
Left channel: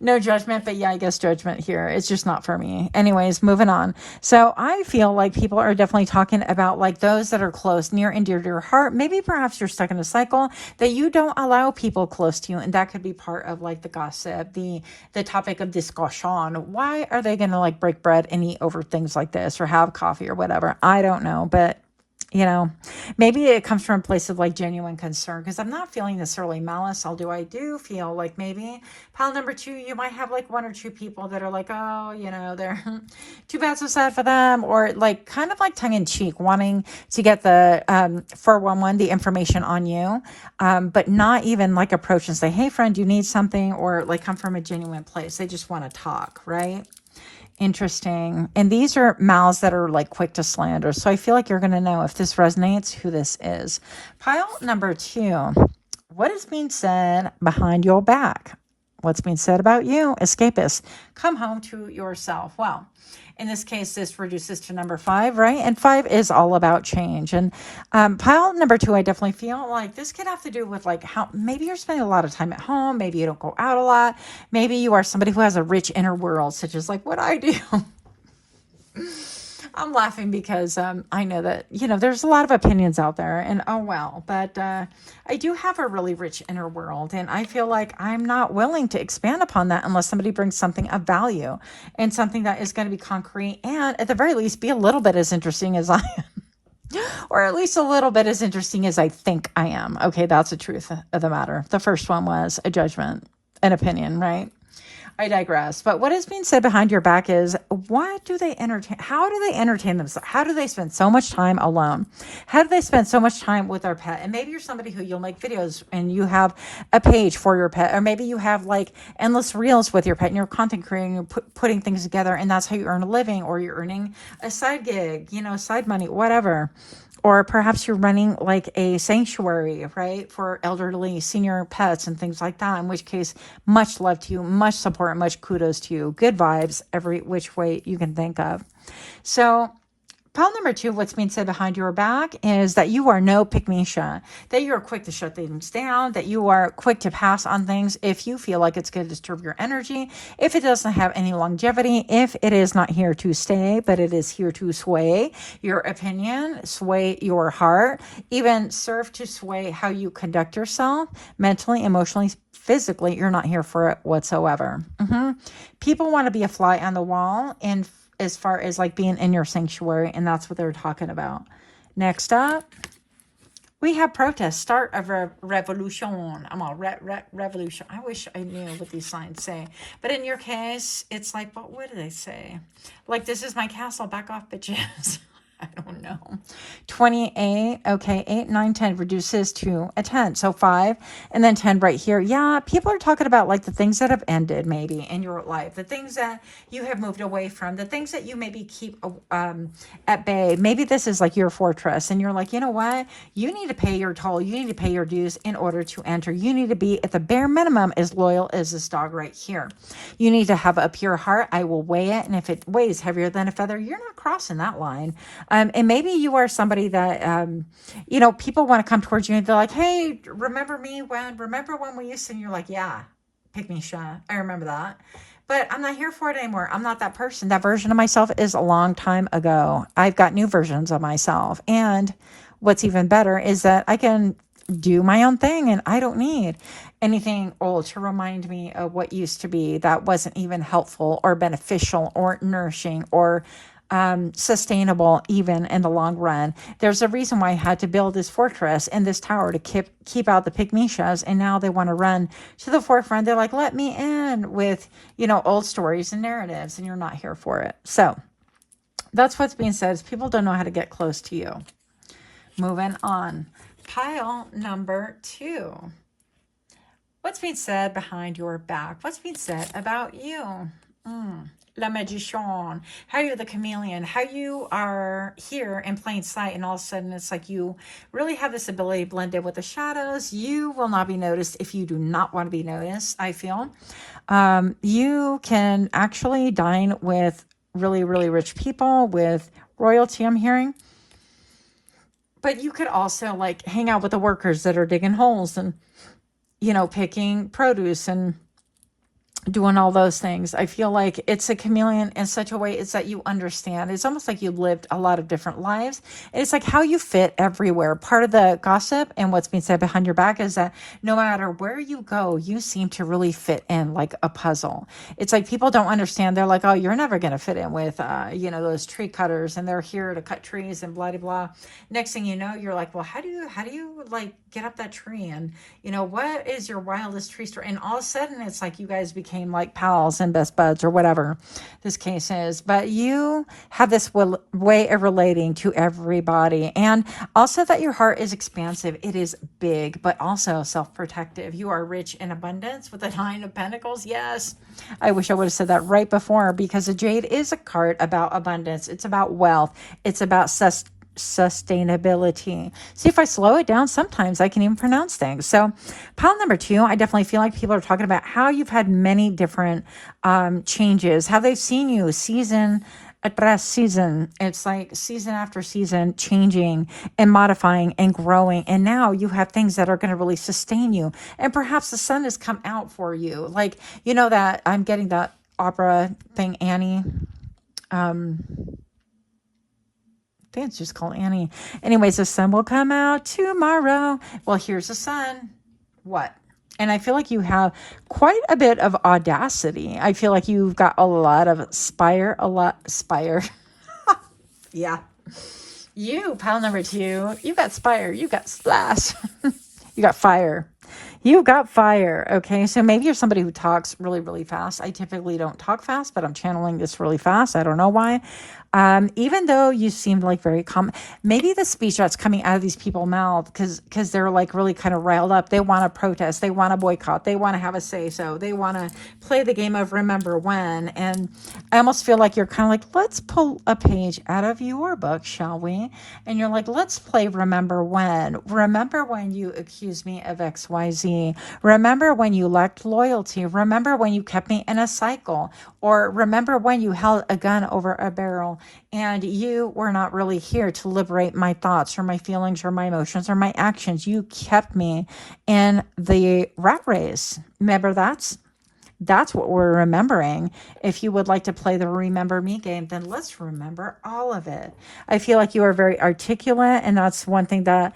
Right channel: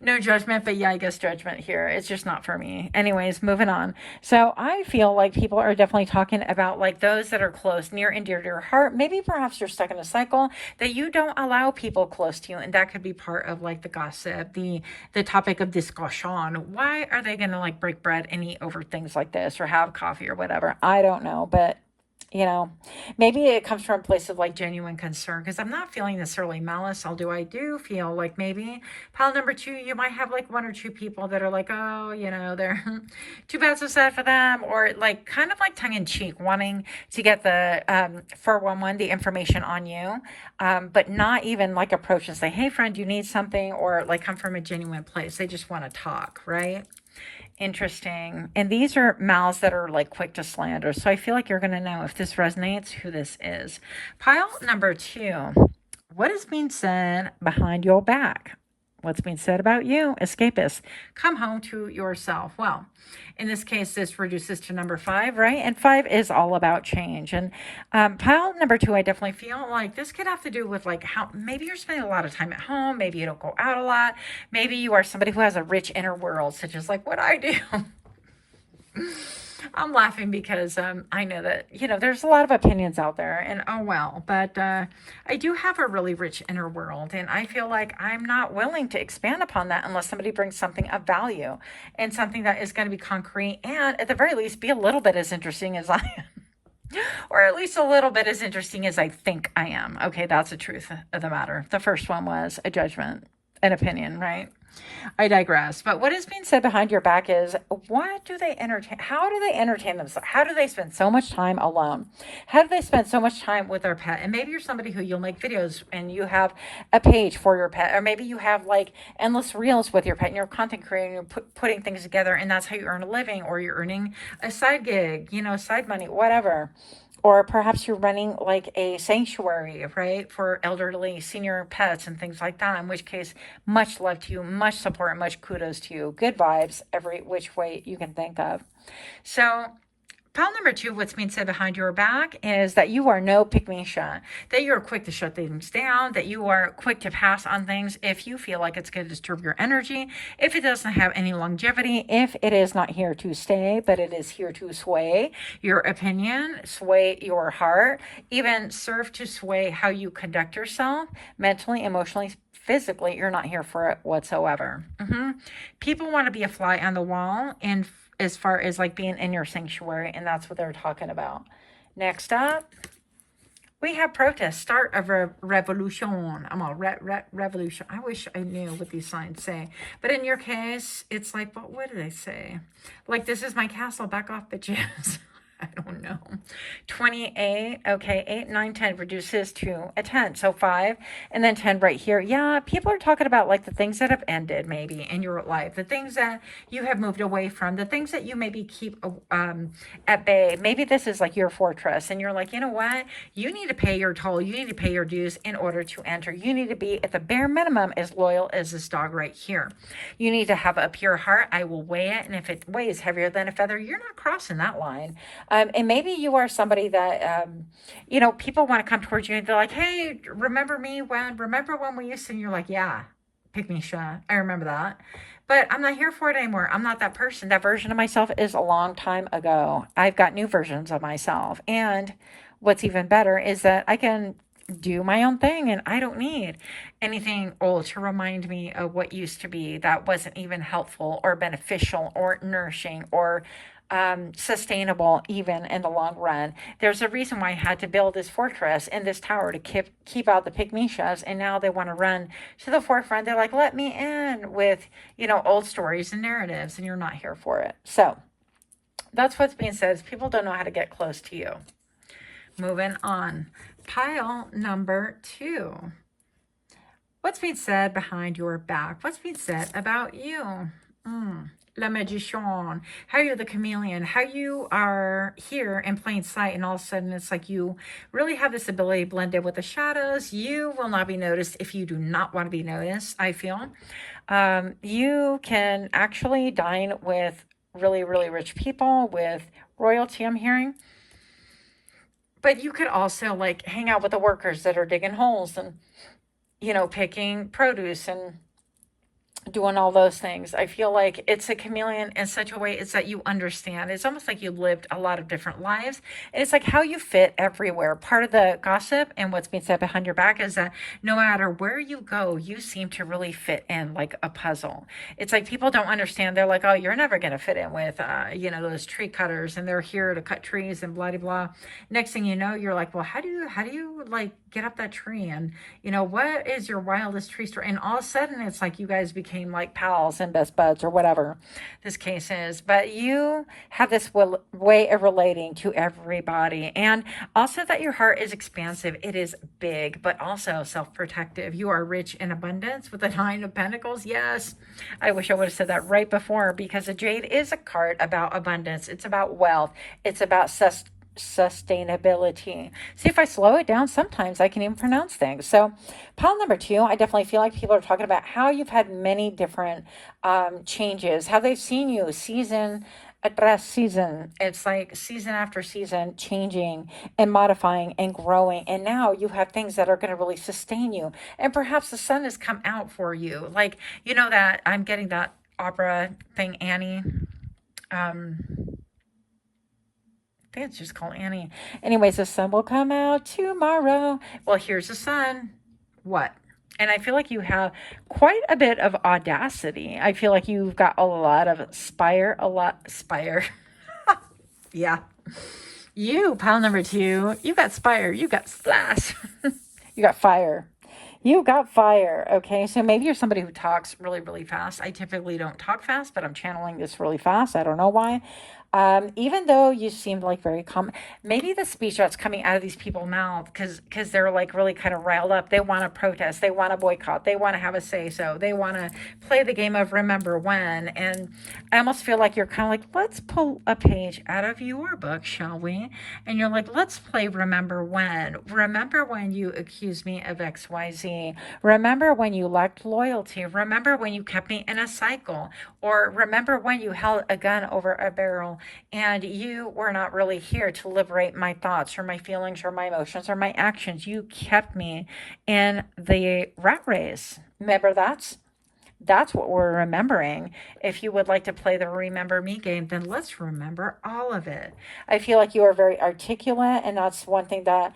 No judgment, but yeah, I guess judgment here. It's just not for me. Anyways, moving on. So I feel like people are definitely talking about like those that are close, near and dear to your heart. Maybe perhaps you're stuck in a cycle that you don't allow people close to you. And that could be part of like the gossip, the topic of discussion. Why are they going to like break bread and eat over things like this, or have coffee or whatever? I don't know, but you know, maybe it comes from a place of like genuine concern, because I'm not feeling necessarily malice. Although I do feel like maybe pile number 2, you might have like 1 or 2 people that are like, oh, you know, they're too bad, so sad for them, or like kind of like tongue in cheek, wanting to get the 411, the information on you, but not even like approach and say, hey friend, you need something, or like come from a genuine place. They just want to talk, right? Interesting. And these are mouths that are like quick to slander. So I feel like you're going to know if this resonates, who this is. Pile number 2. What is being said behind your back? What's being said about you? Escapist. Come home to yourself. Well, in this case, this reduces to number 5, right? And 5 is all about change. And pile number 2, I definitely feel like this could have to do with like how maybe you're spending a lot of time at home. Maybe you don't go out a lot. Maybe you are somebody who has a rich inner world, such as like what I do. I'm laughing because I know that, you know, there's a lot of opinions out there, and oh well, but I do have a really rich inner world, and I feel like I'm not willing to expand upon that unless somebody brings something of value and something that is going to be concrete, and at the very least be a little bit as interesting as I am. Or at least a little bit as interesting as I think I am. Okay, that's the truth of the matter. The first one was a judgment, an opinion, right? I digress. But what is being said behind your back is, what do they entertain? How do they entertain themselves? How do they spend so much time alone? How do they spend so much time with their pet? And maybe you're somebody who you'll make videos and you have a page for your pet, or maybe you have like endless reels with your pet and you're content creating, you're putting things together, and that's how you earn a living, or you're earning a side gig, you know, side money, whatever. Or perhaps you're running like a sanctuary, right, for elderly senior pets and things like that, in which case, much love to you, much support, much kudos to you, good vibes every which way you can think of. So pile number 2, what's being said behind your back is that you are no pick-me-sha, that you are quick to shut things down, that you are quick to pass on things if you feel like it's going to disturb your energy, if it doesn't have any longevity, if it is not here to stay, but it is here to sway your opinion, sway your heart, even serve to sway how you conduct yourself mentally, emotionally, physically. You're not here for it whatsoever. People want to be a fly on the wall, and as far as like being in your sanctuary, and that's what they're talking about. Next up, we have protest, start of a revolution. I'm all revolution. I wish I knew what these signs say, but in your case, it's like, what do they say? Like, this is my castle, back off, bitches. I don't know. 28, okay, 8, 9, 10 reduces to a 10. So 5 and then 10 right here. Yeah, people are talking about like the things that have ended maybe in your life, the things that you have moved away from, the things that you maybe keep at bay. Maybe this is like your fortress and you're like, you know what? You need to pay your toll. You need to pay your dues in order to enter. You need to be at the bare minimum as loyal as this dog right here. You need to have a pure heart. I will weigh it. And if it weighs heavier than a feather, you're not crossing that line. And maybe you are somebody that, you know, people want to come towards you and they're like, hey, remember when we used to, and you're like, yeah, pick me shot. I remember that. But I'm not here for it anymore. I'm not that person. That version of myself is a long time ago. I've got new versions of myself. And what's even better is that I can do my own thing and I don't need anything old to remind me of what used to be that wasn't even helpful or beneficial or nourishing or sustainable even in the long run. There's a reason why I had to build this fortress and this tower to keep out the pygmishas, and now they want to run to the forefront. They're like, let me in with, you know, old stories and narratives, and you're not here for it. So that's what's being said, is people don't know how to get close to you. Moving on. Pile number 2. What's being said behind your back? What's being said about you? La Magician, how you're the chameleon, how you are here in plain sight, and all of a sudden it's like you really have this ability to blend in with the shadows. You will not be noticed if you do not want to be noticed, I feel. You can actually dine with really, really rich people, with royalty, I'm hearing. But you could also like hang out with the workers that are digging holes and, you know, picking produce and doing all those things. I feel like it's a chameleon in such a way it's that you understand. It's almost like you lived a lot of different lives. And it's like how you fit everywhere. Part of the gossip and what's being said behind your back is that no matter where you go, you seem to really fit in like a puzzle. It's like people don't understand. They're like, oh, you're never going to fit in with, you know, those tree cutters, and they're here to cut trees and blah, blah, blah. Next thing you know, you're like, well, how do you like get up that tree? And, you know, what is your wildest tree story? And all of a sudden it's like you guys became like pals and best buds or whatever this case is. But you have this way of relating to everybody, and also that your heart is expansive. It is big, but also self-protective. You are rich in abundance with the 9 of Pentacles. Yes, I wish I would have said that right before, because the Jade is a card about abundance. It's about wealth. It's about sustainability. See, if I slow it down, sometimes I can even pronounce things. So pile number 2, I definitely feel like people are talking about how you've had many different changes, how they've seen you season tras season. It's like season after season changing and modifying and growing, and now you have things that are going to really sustain you, and perhaps the sun has come out for you. Like, you know, that I'm getting that opera thing, Annie. I think it's just called Annie. Anyways, the sun will come out tomorrow. Well, here's the sun. What? And I feel like you have quite a bit of audacity. I feel like you've got a lot of spire. Yeah. You, pile number 2, you got spire, you got splash, you got fire. You've got fire. Okay, so maybe you're somebody who talks really, really fast. I typically don't talk fast, but I'm channeling this really fast. I don't know why. Even though you seem like very calm, maybe the speech that's coming out of these people's mouth, because they're like really kind of riled up. They want to protest. They want to boycott. They want to have a say so. They want to play the game of remember when. And I almost feel like you're kind of like, let's pull a page out of your book, shall we? And you're like, let's play remember when. Remember when you accused me of XYZ. Remember when you lacked loyalty. Remember when you kept me in a cycle. Or remember when you held a gun over a barrel and you were not really here to liberate my thoughts or my feelings or my emotions or my actions. You kept me in the rat race. Remember, that's what we're remembering. If you would like to play the remember me game, then let's remember all of it. I feel like you are very articulate, and that's one thing that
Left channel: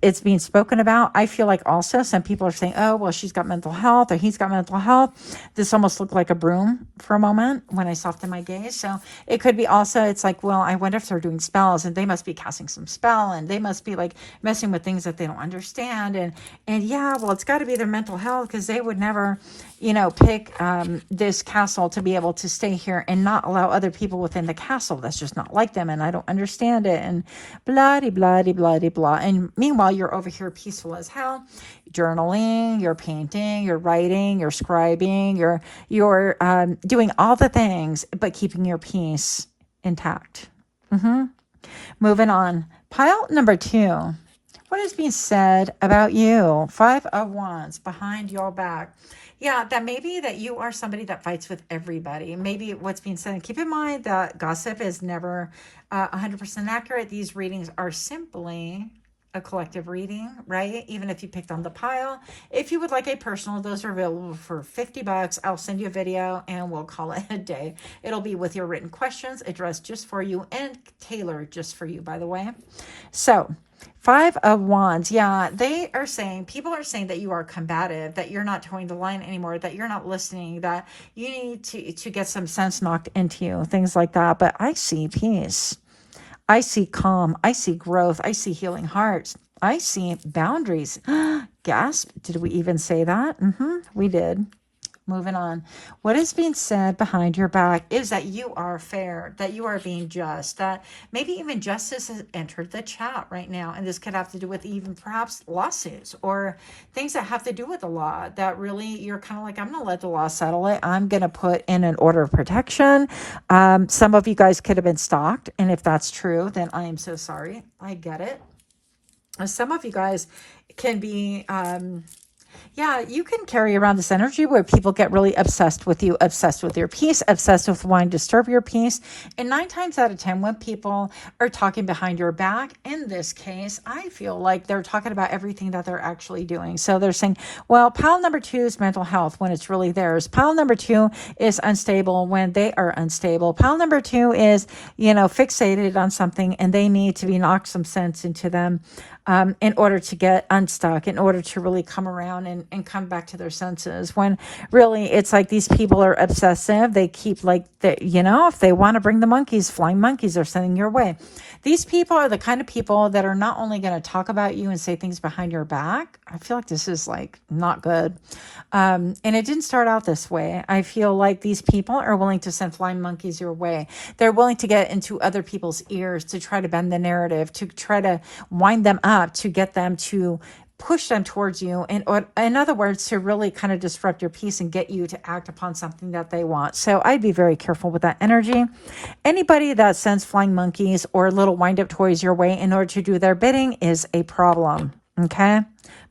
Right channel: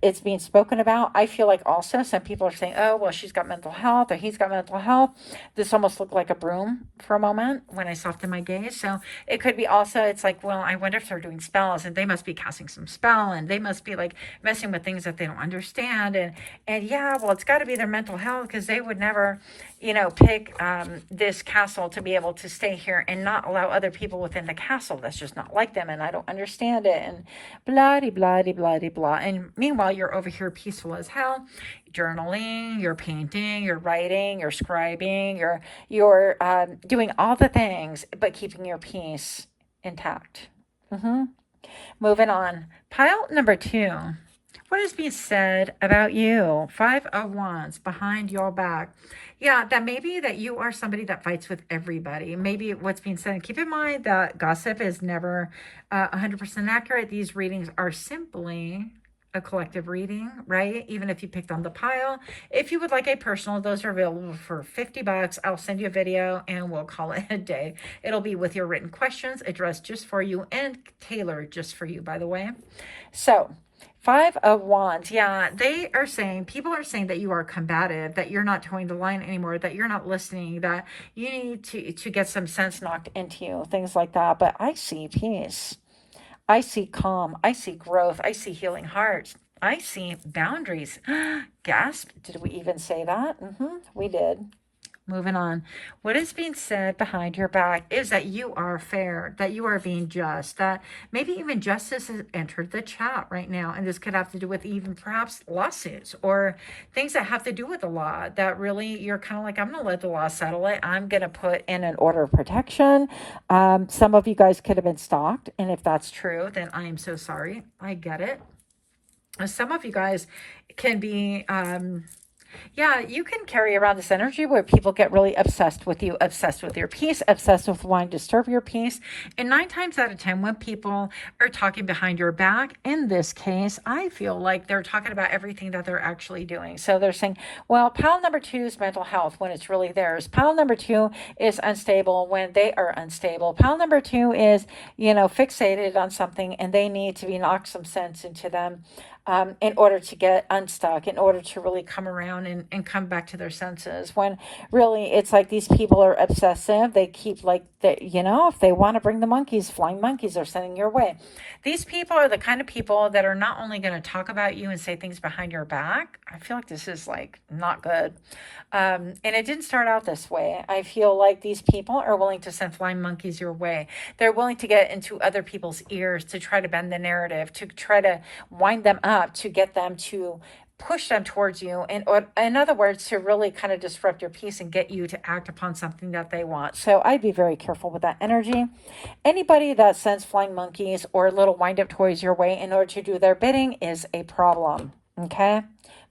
it's being spoken about. I feel like also some people are saying, oh, well, she's got mental health or he's got mental health. This almost looked like a broom for a moment when I softened my gaze. So it could be also, it's like, well, I wonder if they're doing spells, and they must be casting some spell, and they must be like messing with things that they don't understand. And yeah, well, it's got to be their mental health, because they would never, pick this castle to be able to stay here and not allow other people within the castle. That's just not like them, and I don't understand it, and blah de blah de blah de blah. And meanwhile, you're over here peaceful as hell, journaling, you're painting, you're writing, you're scribing, you're doing all the things, but keeping your peace intact. Moving on. Pile number 2. What is being said about you? 5 of Wands behind your back. Yeah, that maybe that you are somebody that fights with everybody. Maybe what's being said. Keep in mind that gossip is never 100% accurate. These readings are simply a collective reading, right? Even if you picked on the pile. If you would like a personal, those are available for $50. I'll send you a video and we'll call it a day. It'll be with your written questions addressed just for you and tailored just for you, by the way. So 5 of Wands. Yeah, people are saying that you are combative, that you're not towing the line anymore, that you're not listening, that you need to get some sense knocked into you, things like that. But I see peace. I see calm. I see growth. I see healing hearts. I see boundaries. Gasp. Did we even say that? We did. Moving on. What is being said behind your back is that you are fair, that you are being just, that maybe even justice has entered the chat right now. And this could have to do with even perhaps lawsuits or things that have to do with the law, that really you're kind of like, I'm going to let the law settle it. I'm going to put in an order of protection. Some of you guys could have been stalked. And if that's true, then I am so sorry. I get it. Some of you guys can be... yeah, you can carry around this energy where people get really obsessed with you, obsessed with your peace, obsessed with wanting to disturb your peace. And 9 times out of 10, when people are talking behind your back, in this case, I feel like they're talking about everything that they're actually doing. So they're saying, well, pile number 2 is mental health when it's really theirs. Pile number 2 is unstable when they are unstable. Pile number 2 is, fixated on something and they need to be knocked some sense into them. In order to get unstuck, in order to really come around and come back to their senses. When really it's like these people are obsessive. They keep if they want to bring the monkeys, flying monkeys are sending your way. These people are the kind of people that are not only going to talk about you and say things behind your back. I feel like this is not good. And it didn't start out this way. I feel like these people are willing to send flying monkeys your way. They're willing to get into other people's ears to try to bend the narrative, to try to wind them up, to get them to push them towards you. In other words, to really kind of disrupt your peace and get you to act upon something that they want. So I'd be very careful with that energy. Anybody that sends flying monkeys or little wind-up toys your way in order to do their bidding is a problem. Okay?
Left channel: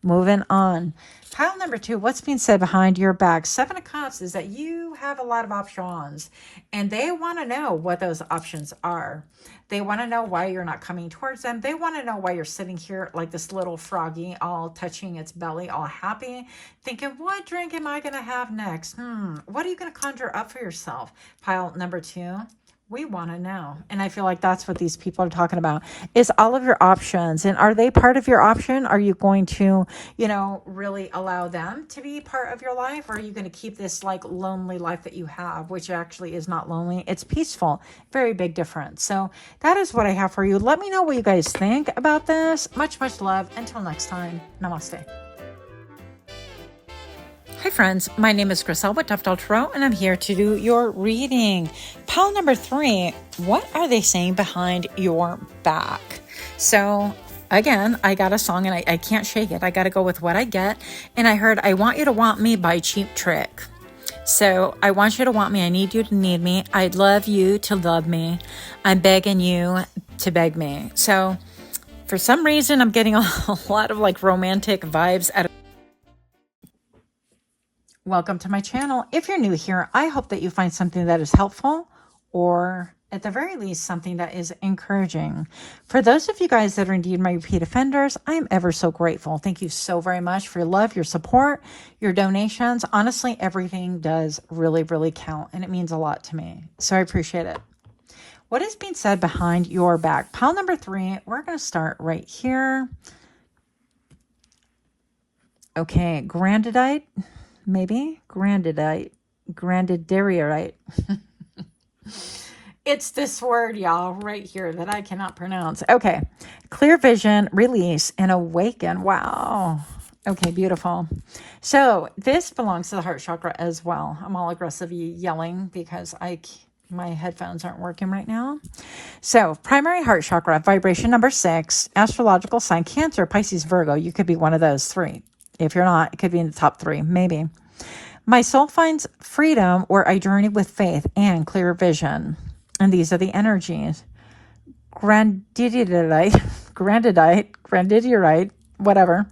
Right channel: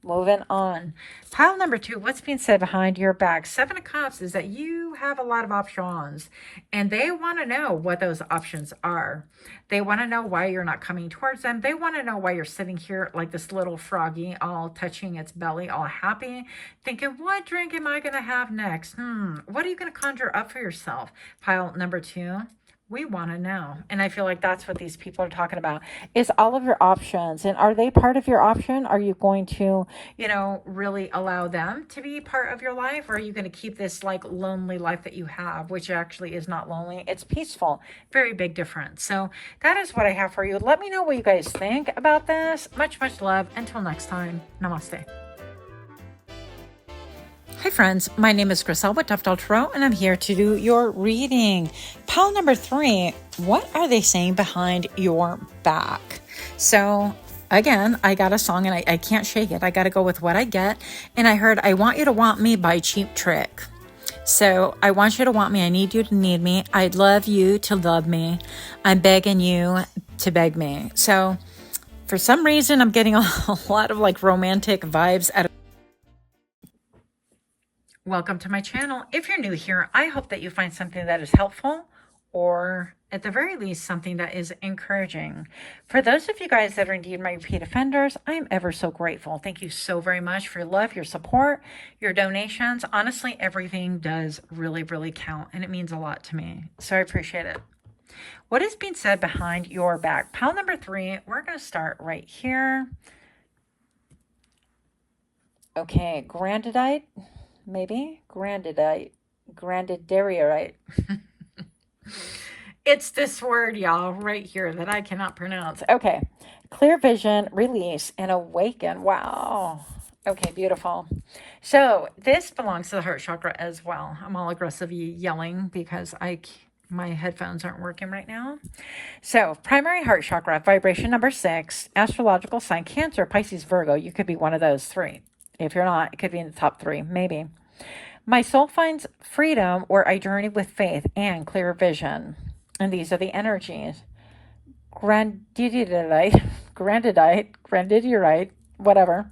Moving on. Pile number 2, what's being said behind your back? 7 of Cups is that you have a lot of options and they want to know what those options are. They want to know why you're not coming towards them. They want to know why you're sitting here like this little froggy, all touching its belly, all happy, thinking, what drink am I going to have next? What are you going to conjure up for yourself? Pile number 2. We want to know. And I feel like that's what these people are talking about, is all of your options. And are they part of your option? Are you going to, really allow them to be part of your life? Or are you going to keep this lonely life that you have, which actually is not lonely? It's peaceful. Very big difference. So that is what I have for you. Let me know what you guys think about this. Much, much love. Until next time. Namaste. Hi friends, my name is Griselle with Toughdolltarot and I'm here to do your reading. Pile number 3, what are they saying behind your back? So again, I got a song and I can't shake it. I got to go with what I get. And I heard, I Want You to Want Me by Cheap Trick. So I want you to want me. I need you to need me. I'd love you to love me. I'm begging you to beg me. So for some reason, I'm getting a lot of romantic vibes out of. Welcome to my channel. If you're new here, I hope that you find something that is helpful or at the very least something that is encouraging. For those of you guys that are indeed my repeat offenders, I'm ever so grateful. Thank you so very much for your love, your support, your donations. Honestly, everything does really, really count and it means a lot to me. So I appreciate it. What is being said behind your back? Pile number 3, we're going to start right here. Okay, grandidite. Maybe grandidite. It's this word, y'all, right here that I cannot pronounce. Okay. Clear vision, release, and awaken. Wow. Okay, beautiful. So this belongs to the heart chakra as well. I'm all aggressive yelling because my headphones aren't working right now. So primary heart chakra, vibration number 6, astrological sign Cancer, Pisces, Virgo. You could be one of those 3. If you're not, it could be in the top 3, maybe. My soul finds freedom where I journey with faith and clear vision. And these are the energies. Grandidite, whatever,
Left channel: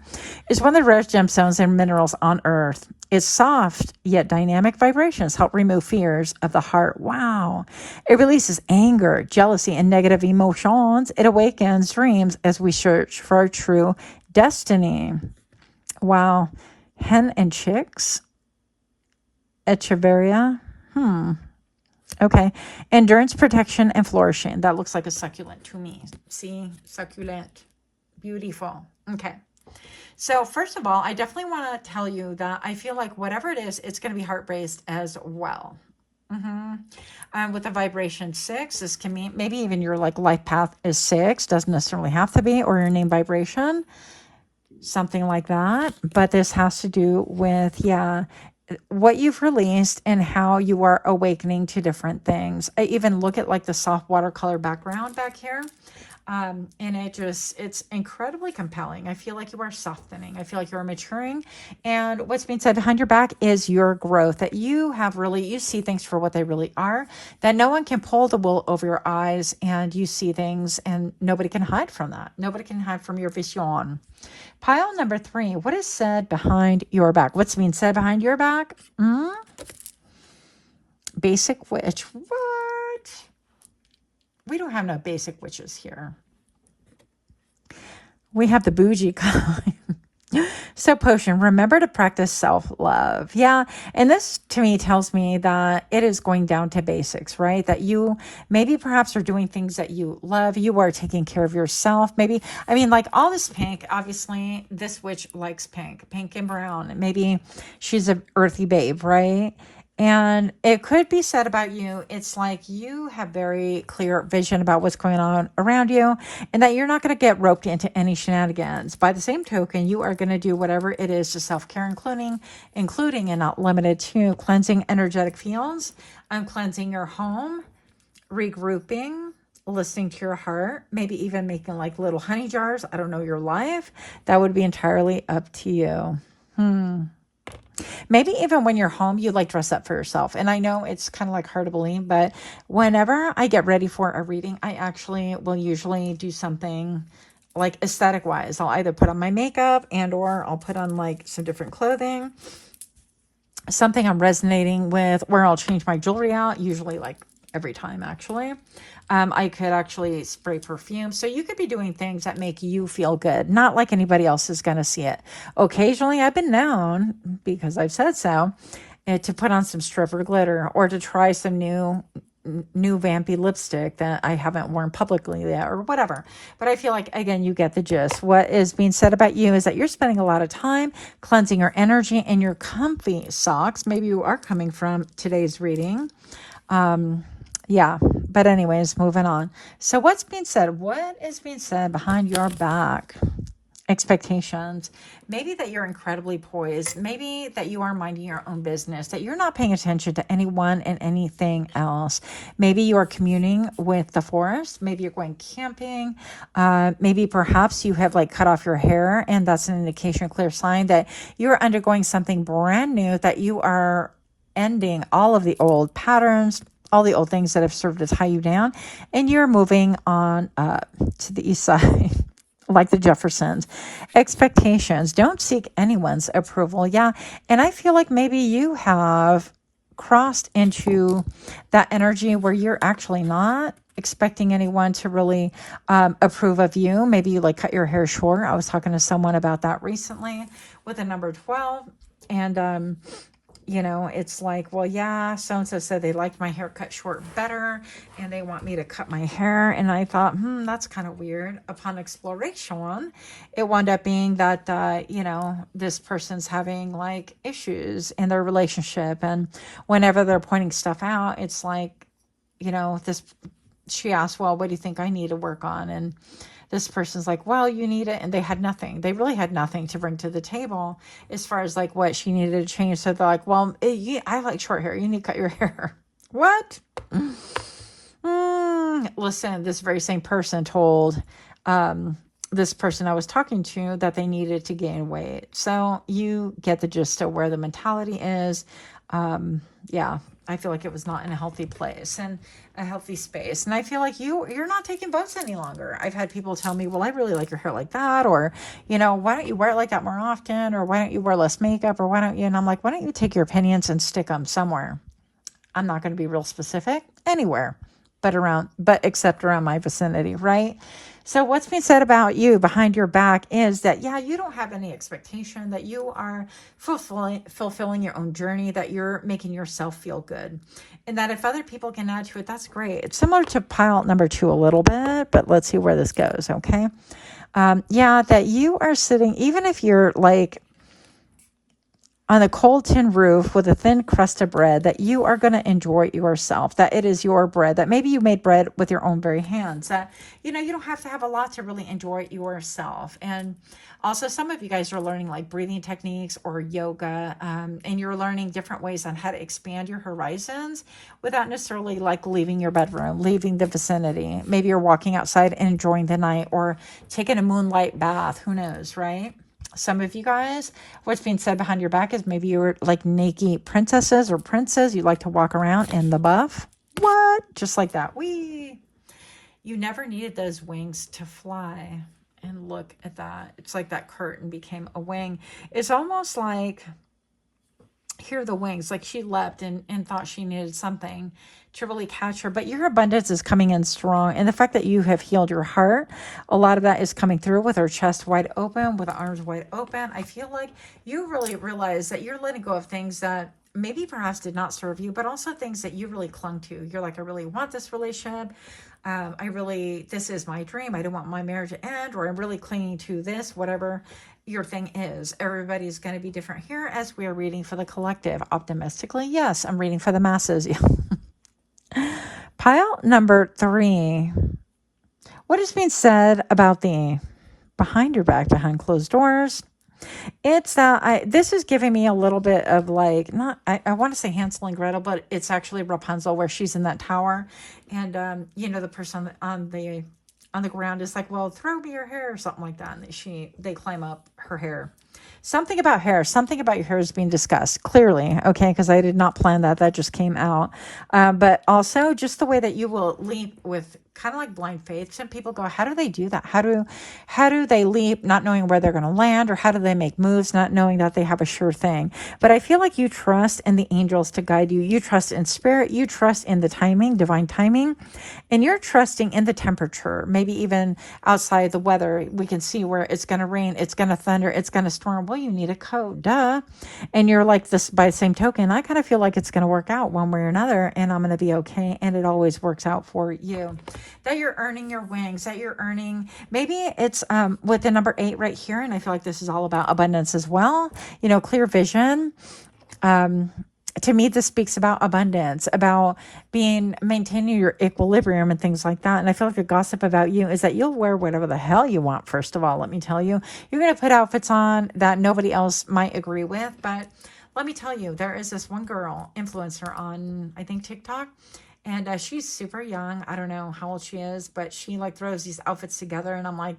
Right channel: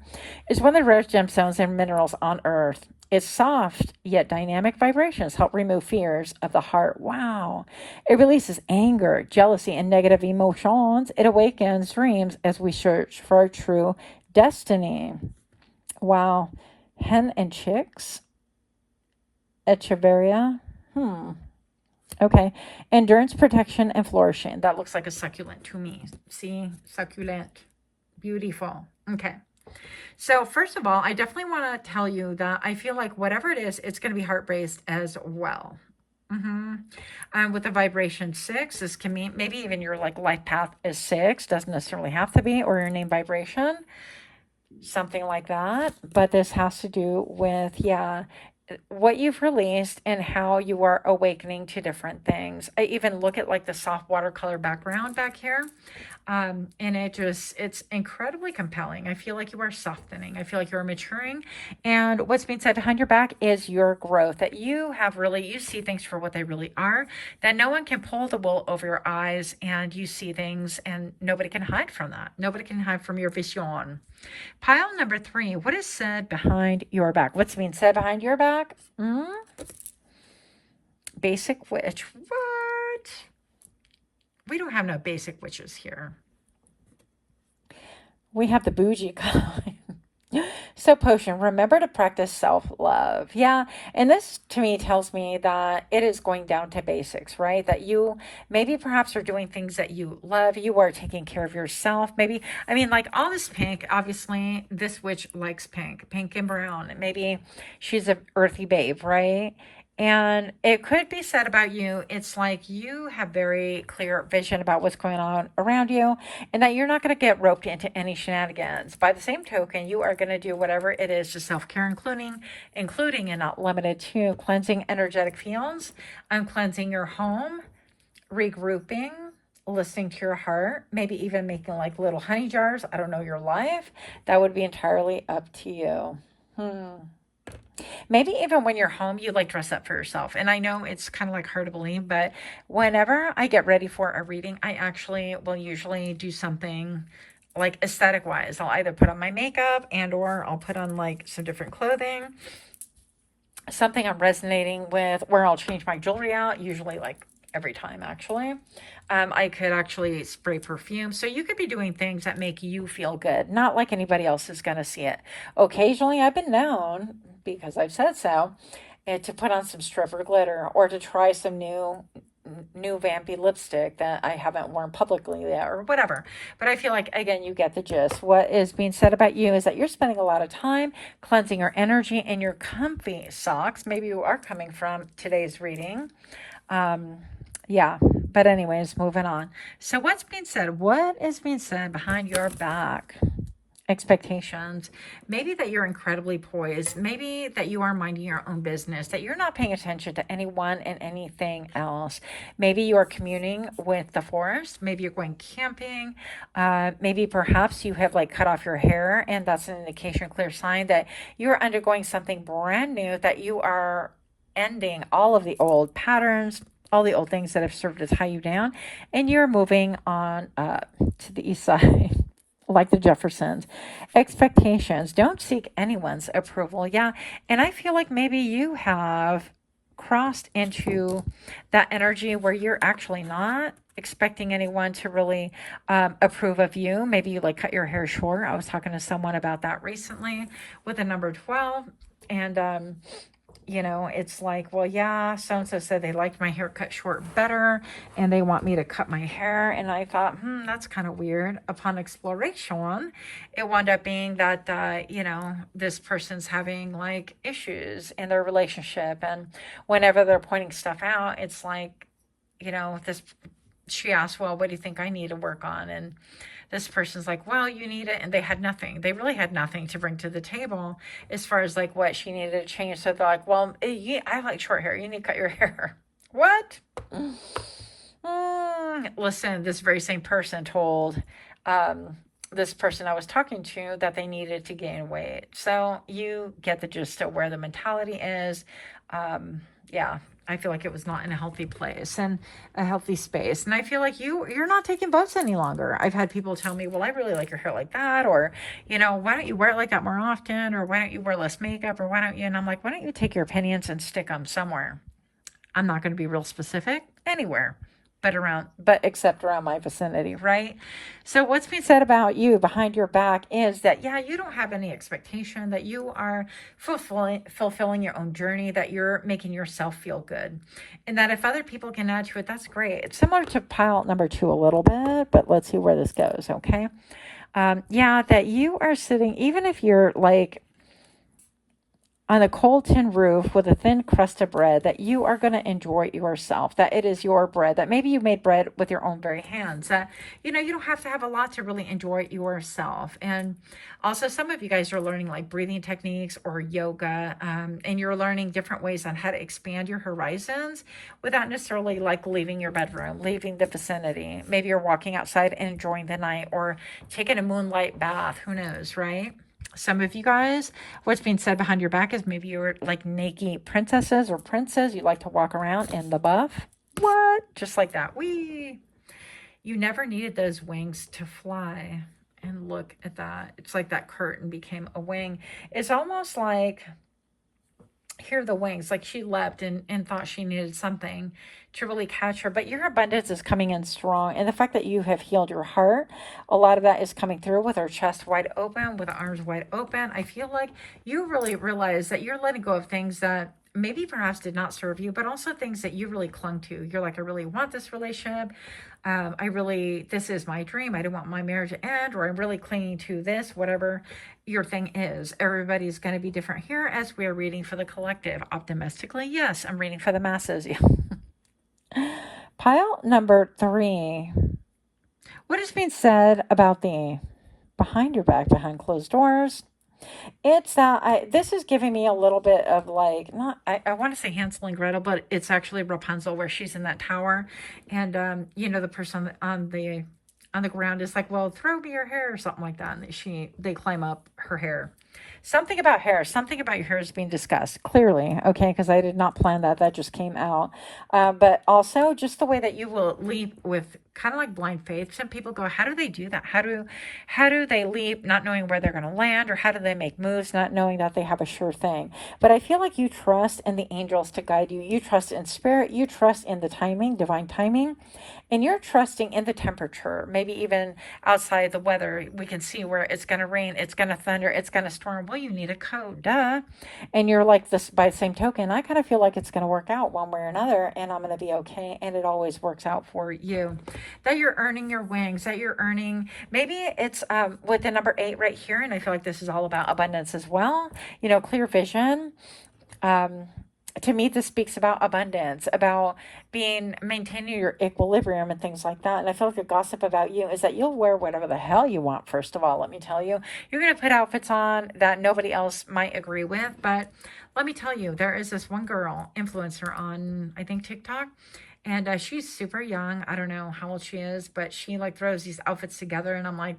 is one of the rarest gemstones and minerals on Earth. Its soft yet dynamic vibrations help remove fears of the heart. Wow. It releases anger, jealousy, and negative emotions. It awakens dreams as we search for our true destiny. Wow. Hen and chicks. Echeveria. Okay. Endurance, protection, and flourishing. That looks like a succulent to me. See? Succulent. Beautiful. Okay. So first of all, I definitely want to tell you that I feel like whatever it is, it's going to be heart-based as well. With the vibration 6, this can mean maybe even your like life path is 6. Doesn't necessarily have to be, or your name vibration. Something like that. But this has to do with, what you've released and how you are awakening to different things. I even look at like the soft watercolor background back here. And it's incredibly compelling. I feel like you are softening. I feel like you are maturing. And what's being said behind your back is your growth, that you see things for what they really are, that no one can pull the wool over your eyes, and you see things and nobody can hide from that. Nobody can hide from your vision. Pile number 3, what is said behind your back? What's being said behind your back? Basic witch. What? We don't have no basic witches here. We have the bougie kind. So potion, remember to practice self-love. Yeah. And this to me tells me that it is going down to basics, right? That you maybe perhaps are doing things that you love. You are taking care of yourself. Maybe, I mean, like all this pink, obviously this witch likes pink and brown. Maybe she's an earthy babe, right? And it could be said about you, it's like you have very clear vision about what's going on around you, and that you're not going to get roped into any shenanigans. By the same token, you are going to do whatever it is to self-care, including and not limited to cleansing energetic fields, cleansing your home, regrouping, listening to your heart, maybe even making like little honey jars. I don't know your life. That would be entirely up to you. Maybe even when you're home, you like dress up for yourself. And I know it's kind of like hard to believe, but whenever I get ready for a reading, I actually will usually do something like aesthetic wise. I'll either put on my makeup or I'll put on like some different clothing, something I'm resonating with, or I'll change my jewelry out, usually like every time actually. I could actually spray perfume. So you could be doing things that make you feel good, not like anybody else is going to see it. Occasionally I've been known, because I've said so, to put on some stripper glitter or to try some new vampy lipstick that I haven't worn publicly yet or whatever. But I feel like, again, you get the gist. What is being said about you is that you're spending a lot of time cleansing your energy in your comfy socks. Maybe you are coming from today's reading. Yeah, but anyways, moving on. So what's being said? What is being said behind your back? Expectations. Maybe that you're incredibly poised. Maybe that you are minding your own business, that you're not paying attention to anyone and anything else. Maybe you're communing with the forest. Maybe you're going camping. Maybe perhaps you have like cut off your hair, and that's an indication, a clear sign that you're undergoing something brand new, that you are ending all of the old patterns, all the old things that have served to tie you down, and you're moving on to the east side, like the Jeffersons. Expectations. Don't seek anyone's approval. Yeah, and I feel like maybe you have crossed into that energy where you're actually not expecting anyone to really approve of you. Maybe you like cut your hair short. I was talking to someone about that recently with the number 12, and you know, it's like, well, yeah, so-and-so said they liked my hair cut short better and they want me to cut my hair. And I thought, that's kind of weird. Upon exploration, it wound up being that, you know, this person's having like issues in their relationship. And whenever they're pointing stuff out, it's like, you know, this she asked, well, what do you think I need to work on? And this person's like, well, you need it. And they had nothing. They really had nothing to bring to the table as far as like what she needed to change. So they're like, well, I like short hair. You need to cut your hair. What? Listen, this very same person told this person I was talking to that they needed to gain weight. So you get the gist of where the mentality is. Yeah, I feel like it was not in a healthy place and a healthy space. And I feel like you're not taking votes any longer. I've had people tell me, well, I really like your hair like that. Or, you know, why don't you wear it like that more often? Or why don't you wear less makeup? Or why don't you? And I'm like, why don't you take your opinions and stick them somewhere? I'm not going to be real specific, anywhere but except around my vicinity, right? So what's being said about you behind your back is that, yeah, you don't have any expectation, that you are fulfilling your own journey, that you're making yourself feel good. And that if other people can add to it, that's great. It's similar to pile number 2 a little bit, but let's see where this goes, okay? Yeah, that you are sitting, even if you're like on a cold tin roof with a thin crust of bread, that you are going to enjoy yourself, that it is your bread, that maybe you made bread with your own very hands, that, you know, you don't have to have a lot to really enjoy yourself. And also some of you guys are learning like breathing techniques or yoga, and you're learning different ways on how to expand your horizons without necessarily like leaving your bedroom, leaving the vicinity. Maybe you're walking outside and enjoying the night, or taking a moonlight bath, who knows, right? Some of you guys, what's being said behind your back is maybe you're like naked princesses or princes. You like to walk around in the buff. What? Just like that. You never needed those wings to fly. And look at that. It's like that curtain became a wing. It's almost like, here are the wings, like she leapt and thought she needed something to really catch her. But your abundance is coming in strong, and the fact that you have healed your heart, a lot of that is coming through with her chest wide open, with arms wide open. I feel like you really realize that you're letting go of things that maybe perhaps did not serve you, but also things that you really clung to. You're like, I really want this relationship. This is my dream. I don't want my marriage to end, or I'm really clinging to this, whatever your thing is. Everybody's going to be different here as we are reading for the collective. Optimistically, yes, I'm reading for the masses. Pile number 3. What is being said about the behind your back, behind closed doors? It's that this is giving me a little bit of like, not, I want to say Hansel and Gretel, but it's actually Rapunzel, where she's in that tower. And, you know, the person on the ground is like, well, throw me your hair or something like that. And they climb up her hair. Something about hair, something about your hair is being discussed, clearly, okay, because I did not plan that. That just came out. But also just the way that you will leap with kind of like blind faith. Some people go, how do they do that? How do they leap not knowing where they're going to land? Or how do they make moves not knowing that they have a sure thing? But I feel like you trust in the angels to guide you. You trust in spirit. You trust in the timing, divine timing. And you're trusting in the temperature, maybe even outside the weather. We can see where it's going to rain, it's going to thunder, it's going to storm. Well, you need a coat, duh. And you're like, this by the same token, I kind of feel like it's going to work out one way or another, and I'm going to be okay. And it always works out for you. That you're earning your wings, that you're earning, maybe it's with the number 8 right here. And I feel like this is all about abundance as well. You know, clear vision. To me, this speaks about abundance, about maintaining your equilibrium and things like that. And I feel like a gossip about you is that you'll wear whatever the hell you want. First of all, let me tell you, you're going to put outfits on that nobody else might agree with. But let me tell you, there is this one girl influencer on, I think, TikTok. And she's super young. I don't know how old she is, but she like throws these outfits together. And I'm like,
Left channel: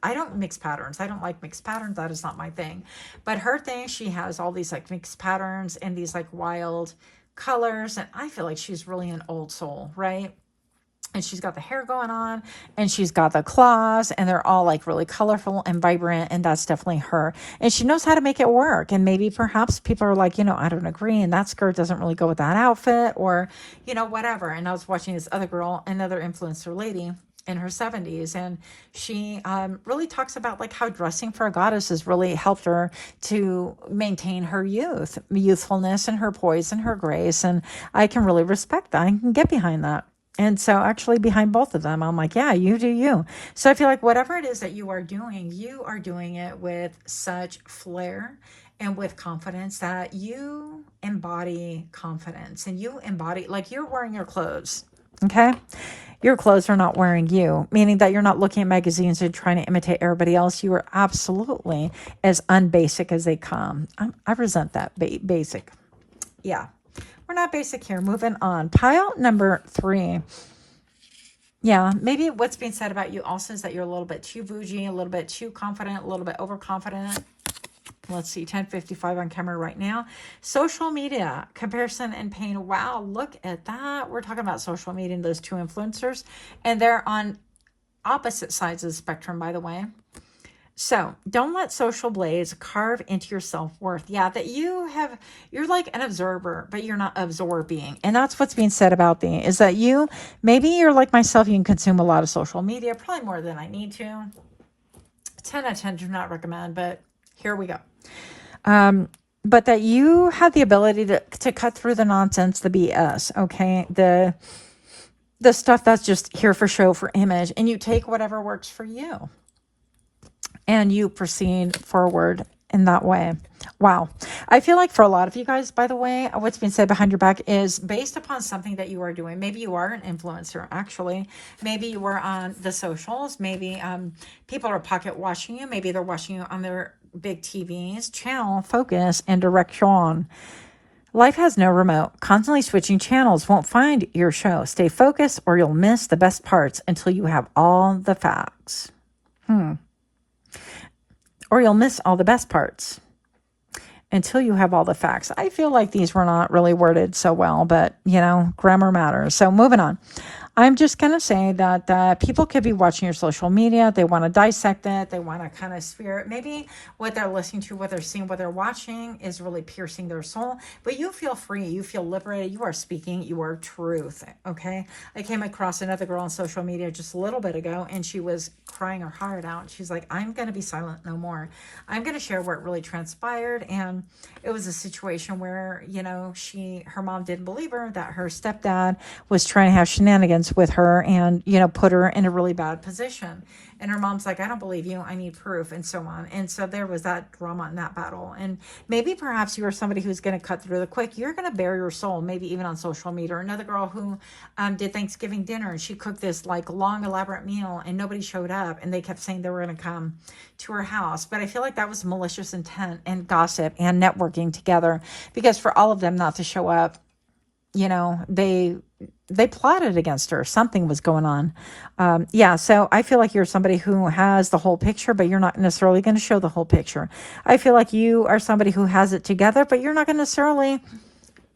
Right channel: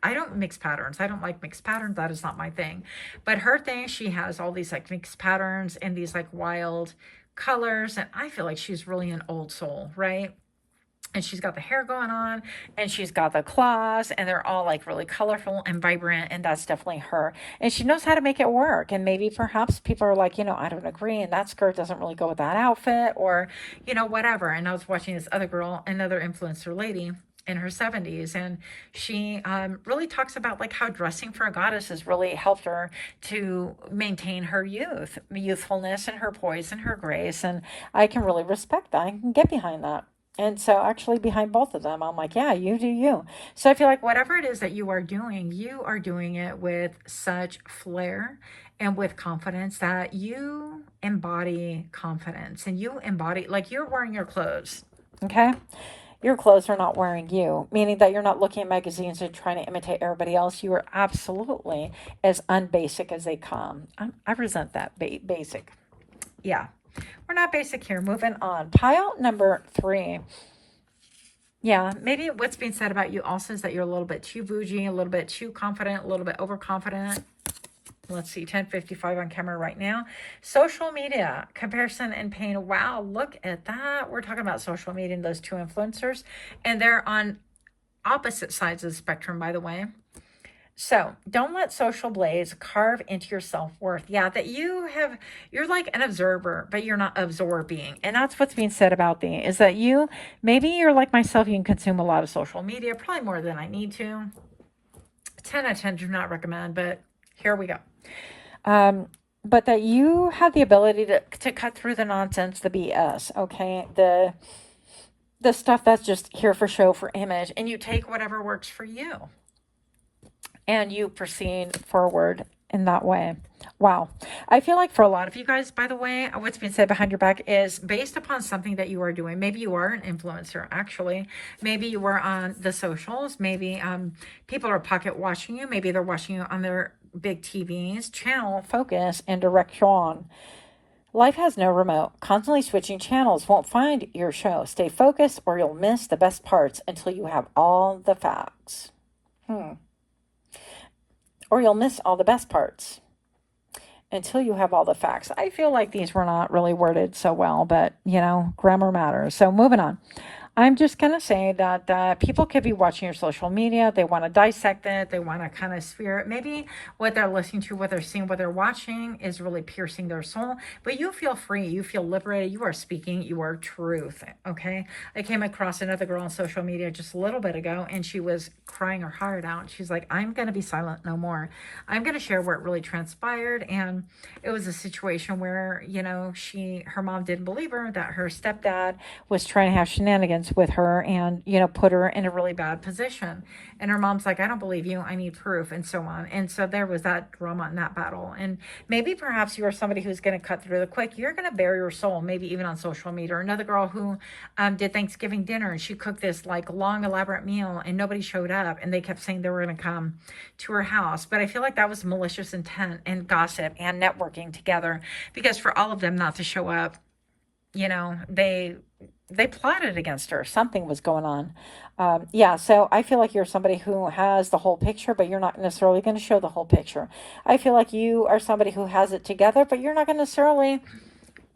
I don't mix patterns. I don't like mixed patterns. That is not my thing. But her thing, she has all these like mixed patterns and these like wild colors. And I feel like she's really an old soul, right? And she's got the hair going on, and she's got the claws, and they're all like really colorful and vibrant. And that's definitely her. And she knows how to make it work. And maybe perhaps people are like, you know, I don't agree. And that skirt doesn't really go with that outfit, or, you know, whatever. And I was watching this other girl, another influencer lady in her 70s. And she really talks about like how dressing for a goddess has really helped her to maintain her youthfulness and her poise and her grace. And I can really respect that. I can get behind that. And so actually behind both of them, I'm like, yeah, you do you. So I feel like whatever it is that you are doing it with such flair and with confidence that you embody confidence, and you embody, like you're wearing your clothes. Okay. Your clothes are not wearing you, meaning that you're not looking at magazines and trying to imitate everybody else. You are absolutely as unbasic as they come. I resent that. Basic. Yeah. We're not basic here. Moving on. Pile number 3. Yeah, maybe what's being said about you also is that you're a little bit too bougie, a little bit too confident, a little bit overconfident. Let's see, 10:55 on camera right now. Social media, comparison and pain. Wow, look at that. We're talking about social media and those 2 influencers. And they're on opposite sides of the spectrum, by the way. So don't let social blaze carve into your self-worth. Yeah, that you're like an observer, but you're not absorbing. And that's what's being said about thee, is that maybe you're like myself, you can consume a lot of social media, probably more than I need to. 10 out of 10 do not recommend, but here we go. But that you have the ability to cut through the nonsense, the BS, okay? The stuff that's just here for show, for image, and you take whatever works for you. And you proceed forward in that way. Wow. I feel like for a lot of you guys, by the way, what's been said behind your back is based upon something that you are doing. Maybe you are an influencer, actually. Maybe you were on the socials. Maybe people are pocket watching you. Maybe they're watching you on their big TVs. Channel, focus, and direction. Life has no remote. Constantly switching channels won't find your show. Stay focused or you'll miss the best parts until you have all the facts. Or you'll miss all the best parts until you have all the facts. I feel like these were not really worded so well, but, grammar matters. So moving on. I'm just going to say that people could be watching your social media. They want to dissect it. They want to kind of spear it. Maybe what they're listening to, what they're seeing, what they're watching is really piercing their soul. But you feel free. You feel liberated. You are speaking your truth. Okay. I came across another girl on social media just a little bit ago, and she was crying her heart out. She's like, I'm going to be silent no more. I'm going to share what really transpired. And it was a situation where, her mom didn't believe her, that her stepdad was trying to have shenanigans with her and, put her in a really bad position. And her mom's like, I don't believe you. I need proof, and so on. And so there was that drama in that battle. And maybe perhaps you are somebody who's going to cut through the quick. You're going to bare your soul, maybe even on social media. Or another girl who did Thanksgiving dinner, and she cooked this like long, elaborate meal, and nobody showed up. And they kept saying they were going to come to her house. But I feel like that was malicious intent and gossip and networking together, because for all of them not to show up, they plotted against her. Something was going on. So I feel like you're somebody who has the whole picture, but you're not necessarily going to show the whole picture. I feel like you are somebody who has it together, but you're not going to necessarily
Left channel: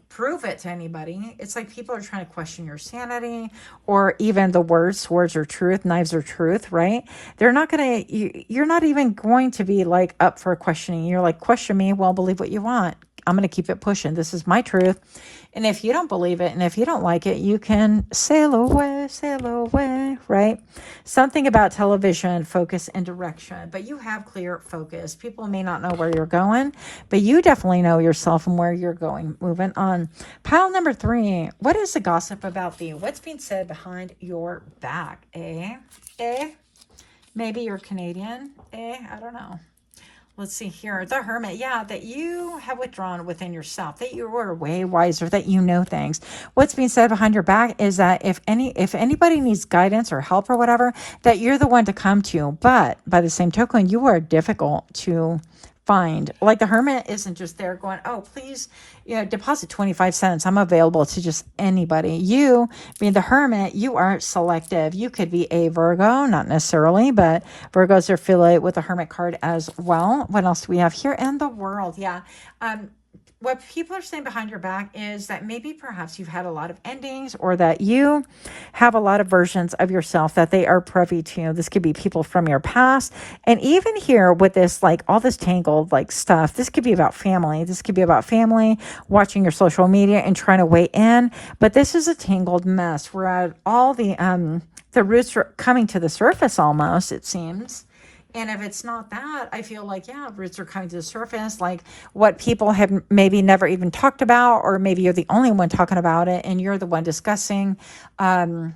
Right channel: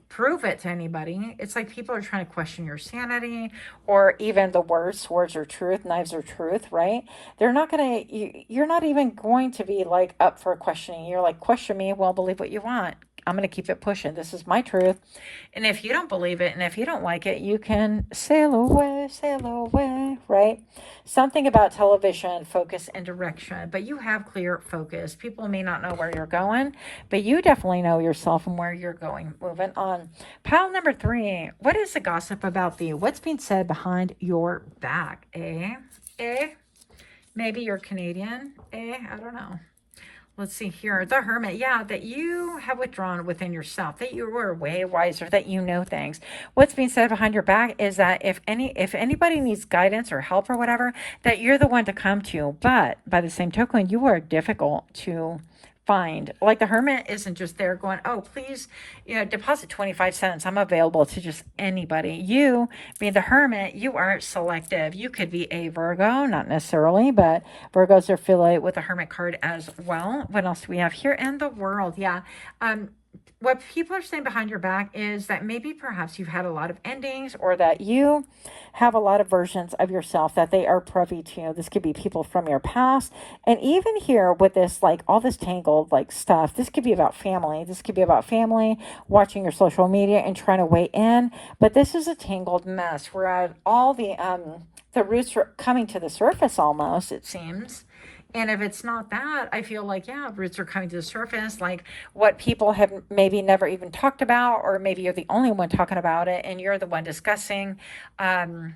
prove it to anybody. It's like people are trying to question your sanity, or even the words. Swords are truth, knives are truth, right? You're not even going to be like up for questioning. You're like, question me, well, believe what you want. I'm going to keep it pushing. This is my truth. And if you don't believe it, and if you don't like it, you can sail away, right? Something about television, focus and direction, but you have clear focus. People may not know where you're going, but you definitely know yourself and where you're going. Moving on. Pile number 3. What is the gossip about thee? What's being said behind your back? Maybe you're Canadian. I don't know. Let's see here. The Hermit. Yeah, that you have withdrawn within yourself, that you are way wiser, that you know things. What's being said behind your back is that if anybody needs guidance or help or whatever, that you're the one to come to. But by the same token, you are difficult to find. Like the Hermit isn't just there going, oh, please, deposit 25 cents. I'm available to just anybody. You, being the Hermit, you are selective. You could be a Virgo, not necessarily, but Virgos are affiliated with the Hermit card as well. What else do we have here? And the World. Yeah. What people are saying behind your back is that maybe perhaps you've had a lot of endings, or that you have a lot of versions of yourself that they are privy to. This could be people from your past. And even here with this, like all this tangled like stuff, this could be about family. This could be about family, watching your social media and trying to weigh in. But this is a tangled mess where all the roots are coming to the surface almost, it seems. And if it's not that, I feel like, roots are coming to the surface, like what people have maybe never even talked about, or maybe you're the only one talking about it and you're the one discussing. And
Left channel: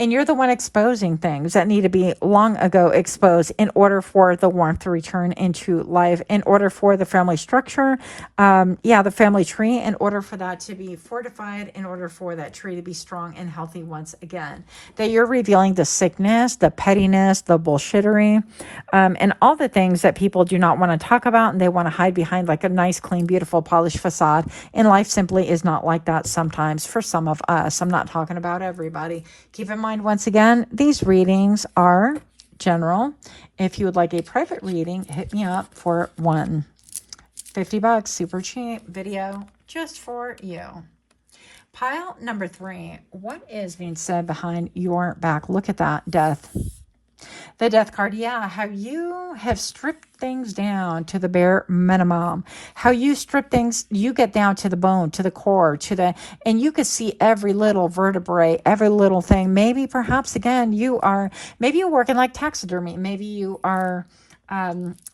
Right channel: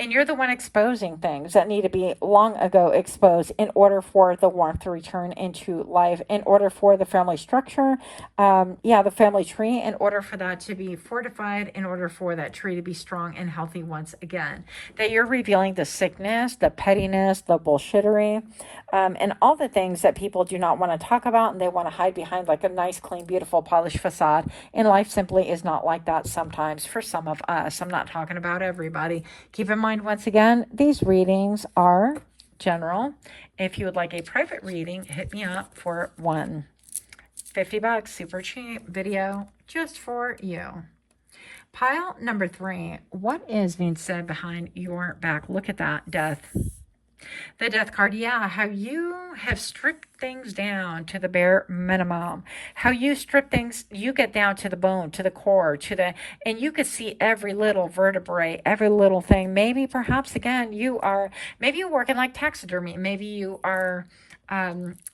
And you're the one exposing things that need to be long ago exposed in order for the warmth to return into life, in order for the family structure, the family tree, in order for that to be fortified, in order for that tree to be strong and healthy once again. That you're revealing the sickness, the pettiness, the bullshittery, and all the things that people do not want to talk about, and they want to hide behind like a nice, clean, beautiful, polished facade. And life simply is not like that sometimes for some of us. I'm not talking about everybody. Keep in mind, once again, these readings are general. If you would like a private reading, hit me up for one. $50, super cheap video just for you. Pile number 3. What is being said behind your back? Look at that, death. The death card, yeah, how you have stripped things down to the bare minimum. How you strip things, you get down to the bone, to the core, and you can see every little vertebrae, every little thing. Maybe, perhaps, again, maybe you're working like taxidermy. Maybe you are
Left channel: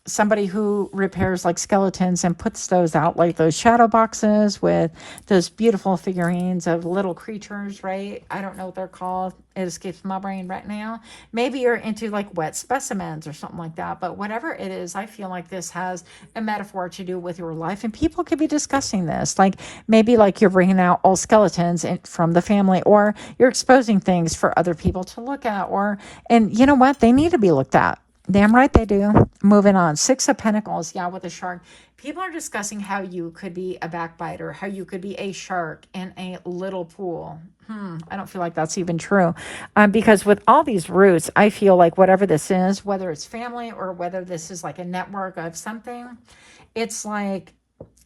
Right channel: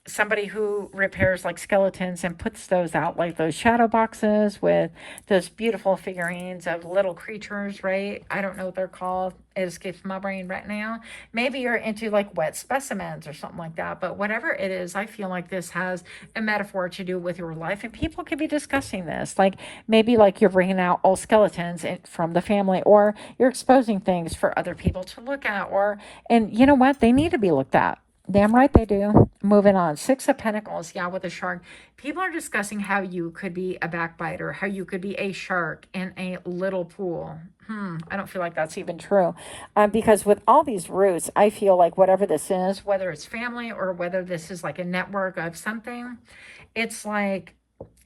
somebody who repairs like skeletons and puts those out, like those shadow boxes with those beautiful figurines of little creatures, right? I don't know what they're called. It escapes my brain right now. Maybe you're into like wet specimens or something like that. But whatever it is, I feel like this has a metaphor to do with your life. And people could be discussing this. Like maybe like you're bringing out old skeletons from the family, or you're exposing things for other people to look at. And you know what? They need to be looked at. Damn right they do. Moving on. 6 of Pentacles. Yeah, with a shark. People are discussing how you could be a backbiter, how you could be a shark in a little pool. I don't feel like that's even true. Because with all these roots, I feel like whatever this is, whether it's family or whether this is like a network of something, it's like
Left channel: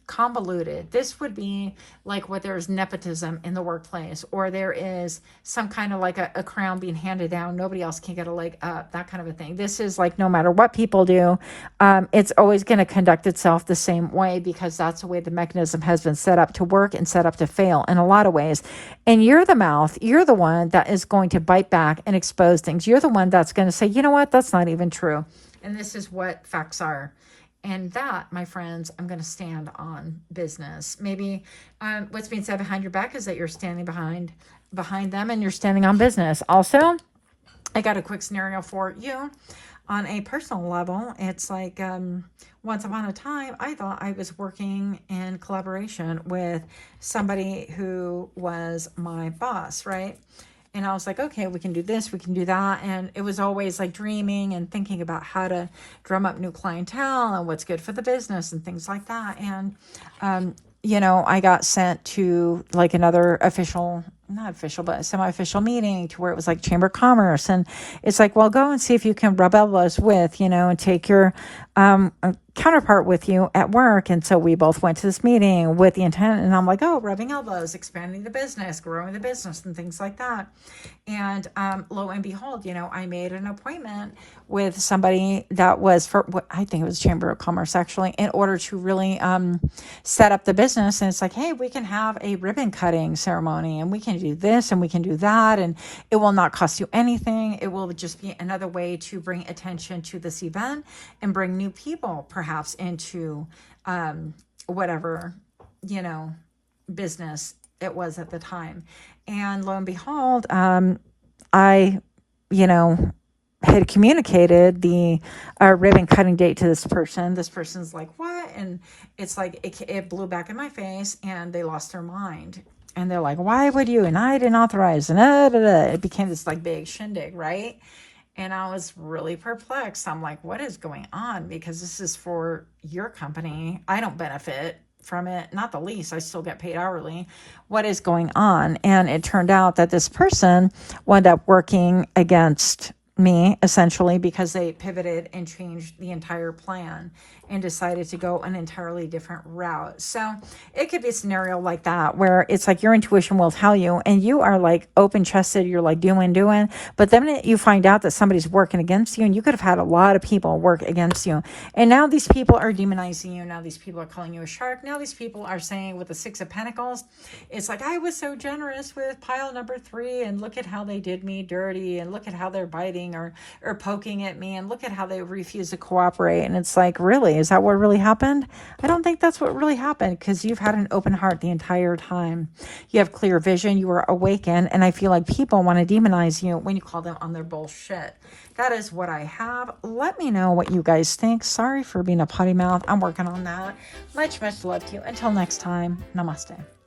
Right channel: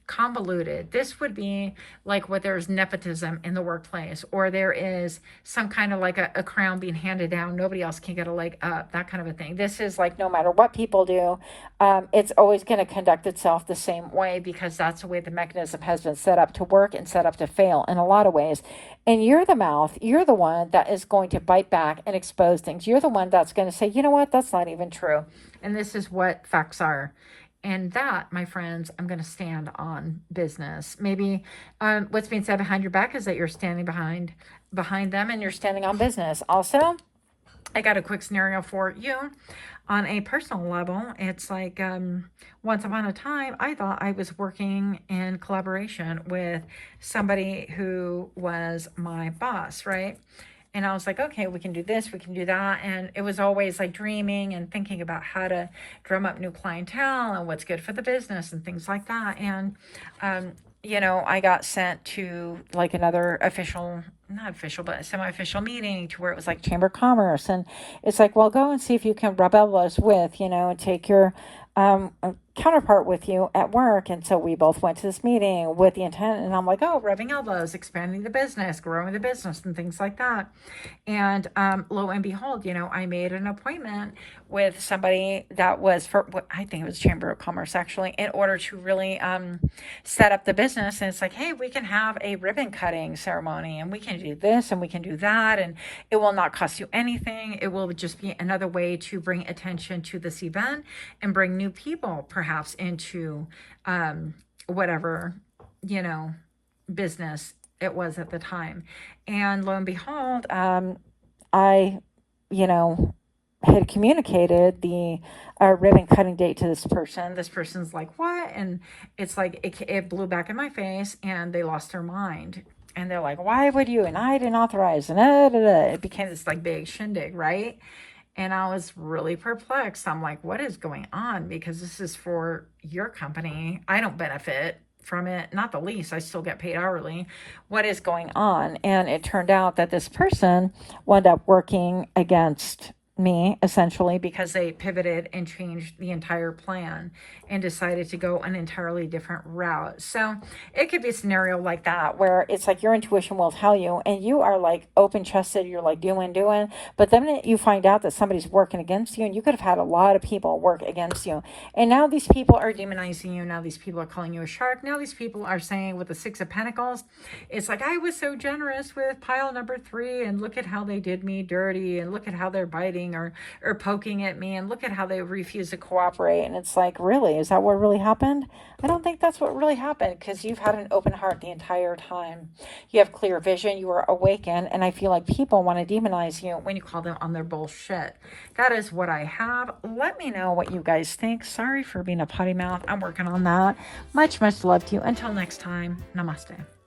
convoluted. This would be like where there's nepotism in the workplace, or there is some kind of like a crown being handed down. Nobody else can get a leg up, that kind of a thing. This is like no matter what people do, it's always going to conduct itself the same way, because that's the way the mechanism has been set up to work and set up to fail in a lot of ways. And you're the mouth. You're the one that is going to bite back and expose things. You're the one that's going to say, you know what, that's not even true. And this is what facts are. And that, my friends, I'm going to stand on business. Maybe what's being said behind your back is that you're standing behind them and you're standing on business. Also, I got a quick scenario for you on a personal level. It's like once upon a time, I thought I was working in collaboration with somebody who was my boss, right? And I was like, okay, we can do this, we can do that. And it was always like dreaming and thinking about how to drum up new clientele and what's good for the business and things like that. And, I got sent to like another not official, but semi-official meeting to where it was like Chamber of Commerce. And it's like, well, go and see if you can rub elbows with, and take your counterpart with you at work. And so we both went to this meeting with the intent, and I'm like, oh, rubbing elbows, expanding the business, growing the business, and things like that. And lo and behold, I made an appointment with somebody that was for what I think it was Chamber of Commerce, actually, in order to really set up the business. And it's like, hey, we can have a ribbon cutting ceremony, and we can do this and we can do that, and it will not cost you anything. It will just be another way to bring attention to this event and bring new people perhaps into whatever business it was at the time. And lo and behold, I had communicated the ribbon cutting date to this person. This person's like, what? And it's like it blew back in my face, and they lost their mind. And they're like, why would you? And I didn't authorize. And it became this like big shindig, right? And I was really perplexed. I'm like, what is going on? Because this is for your company. I don't benefit from it, not the least. I still get paid hourly. What is going on? And it turned out that this person wound up working against me, essentially, because they pivoted and changed the entire plan and decided to go an entirely different route. So it could be a scenario like that, where it's like your intuition will tell you, and you are like open chested, you're like doing, but then you find out that somebody's working against you, and you could have had a lot of people work against you. And now these people are demonizing you. Now these people are calling you a shark. Now these people are saying, with the 6 of Pentacles, it's like, I was so generous with pile number 3, and look at how they did me dirty, and look at how they're biting yelling or poking at me, and look at how they refuse to cooperate. And it's like, really, is that what really happened? I don't think that's what really happened, because you've had an open heart the entire time. You have clear vision, you were awakened, and I feel like people want to demonize you when you call them on their bullshit. That is what I have. Let me know what you guys think. Sorry for being a potty mouth. I'm working on that. Much love to you. Until next time, namaste.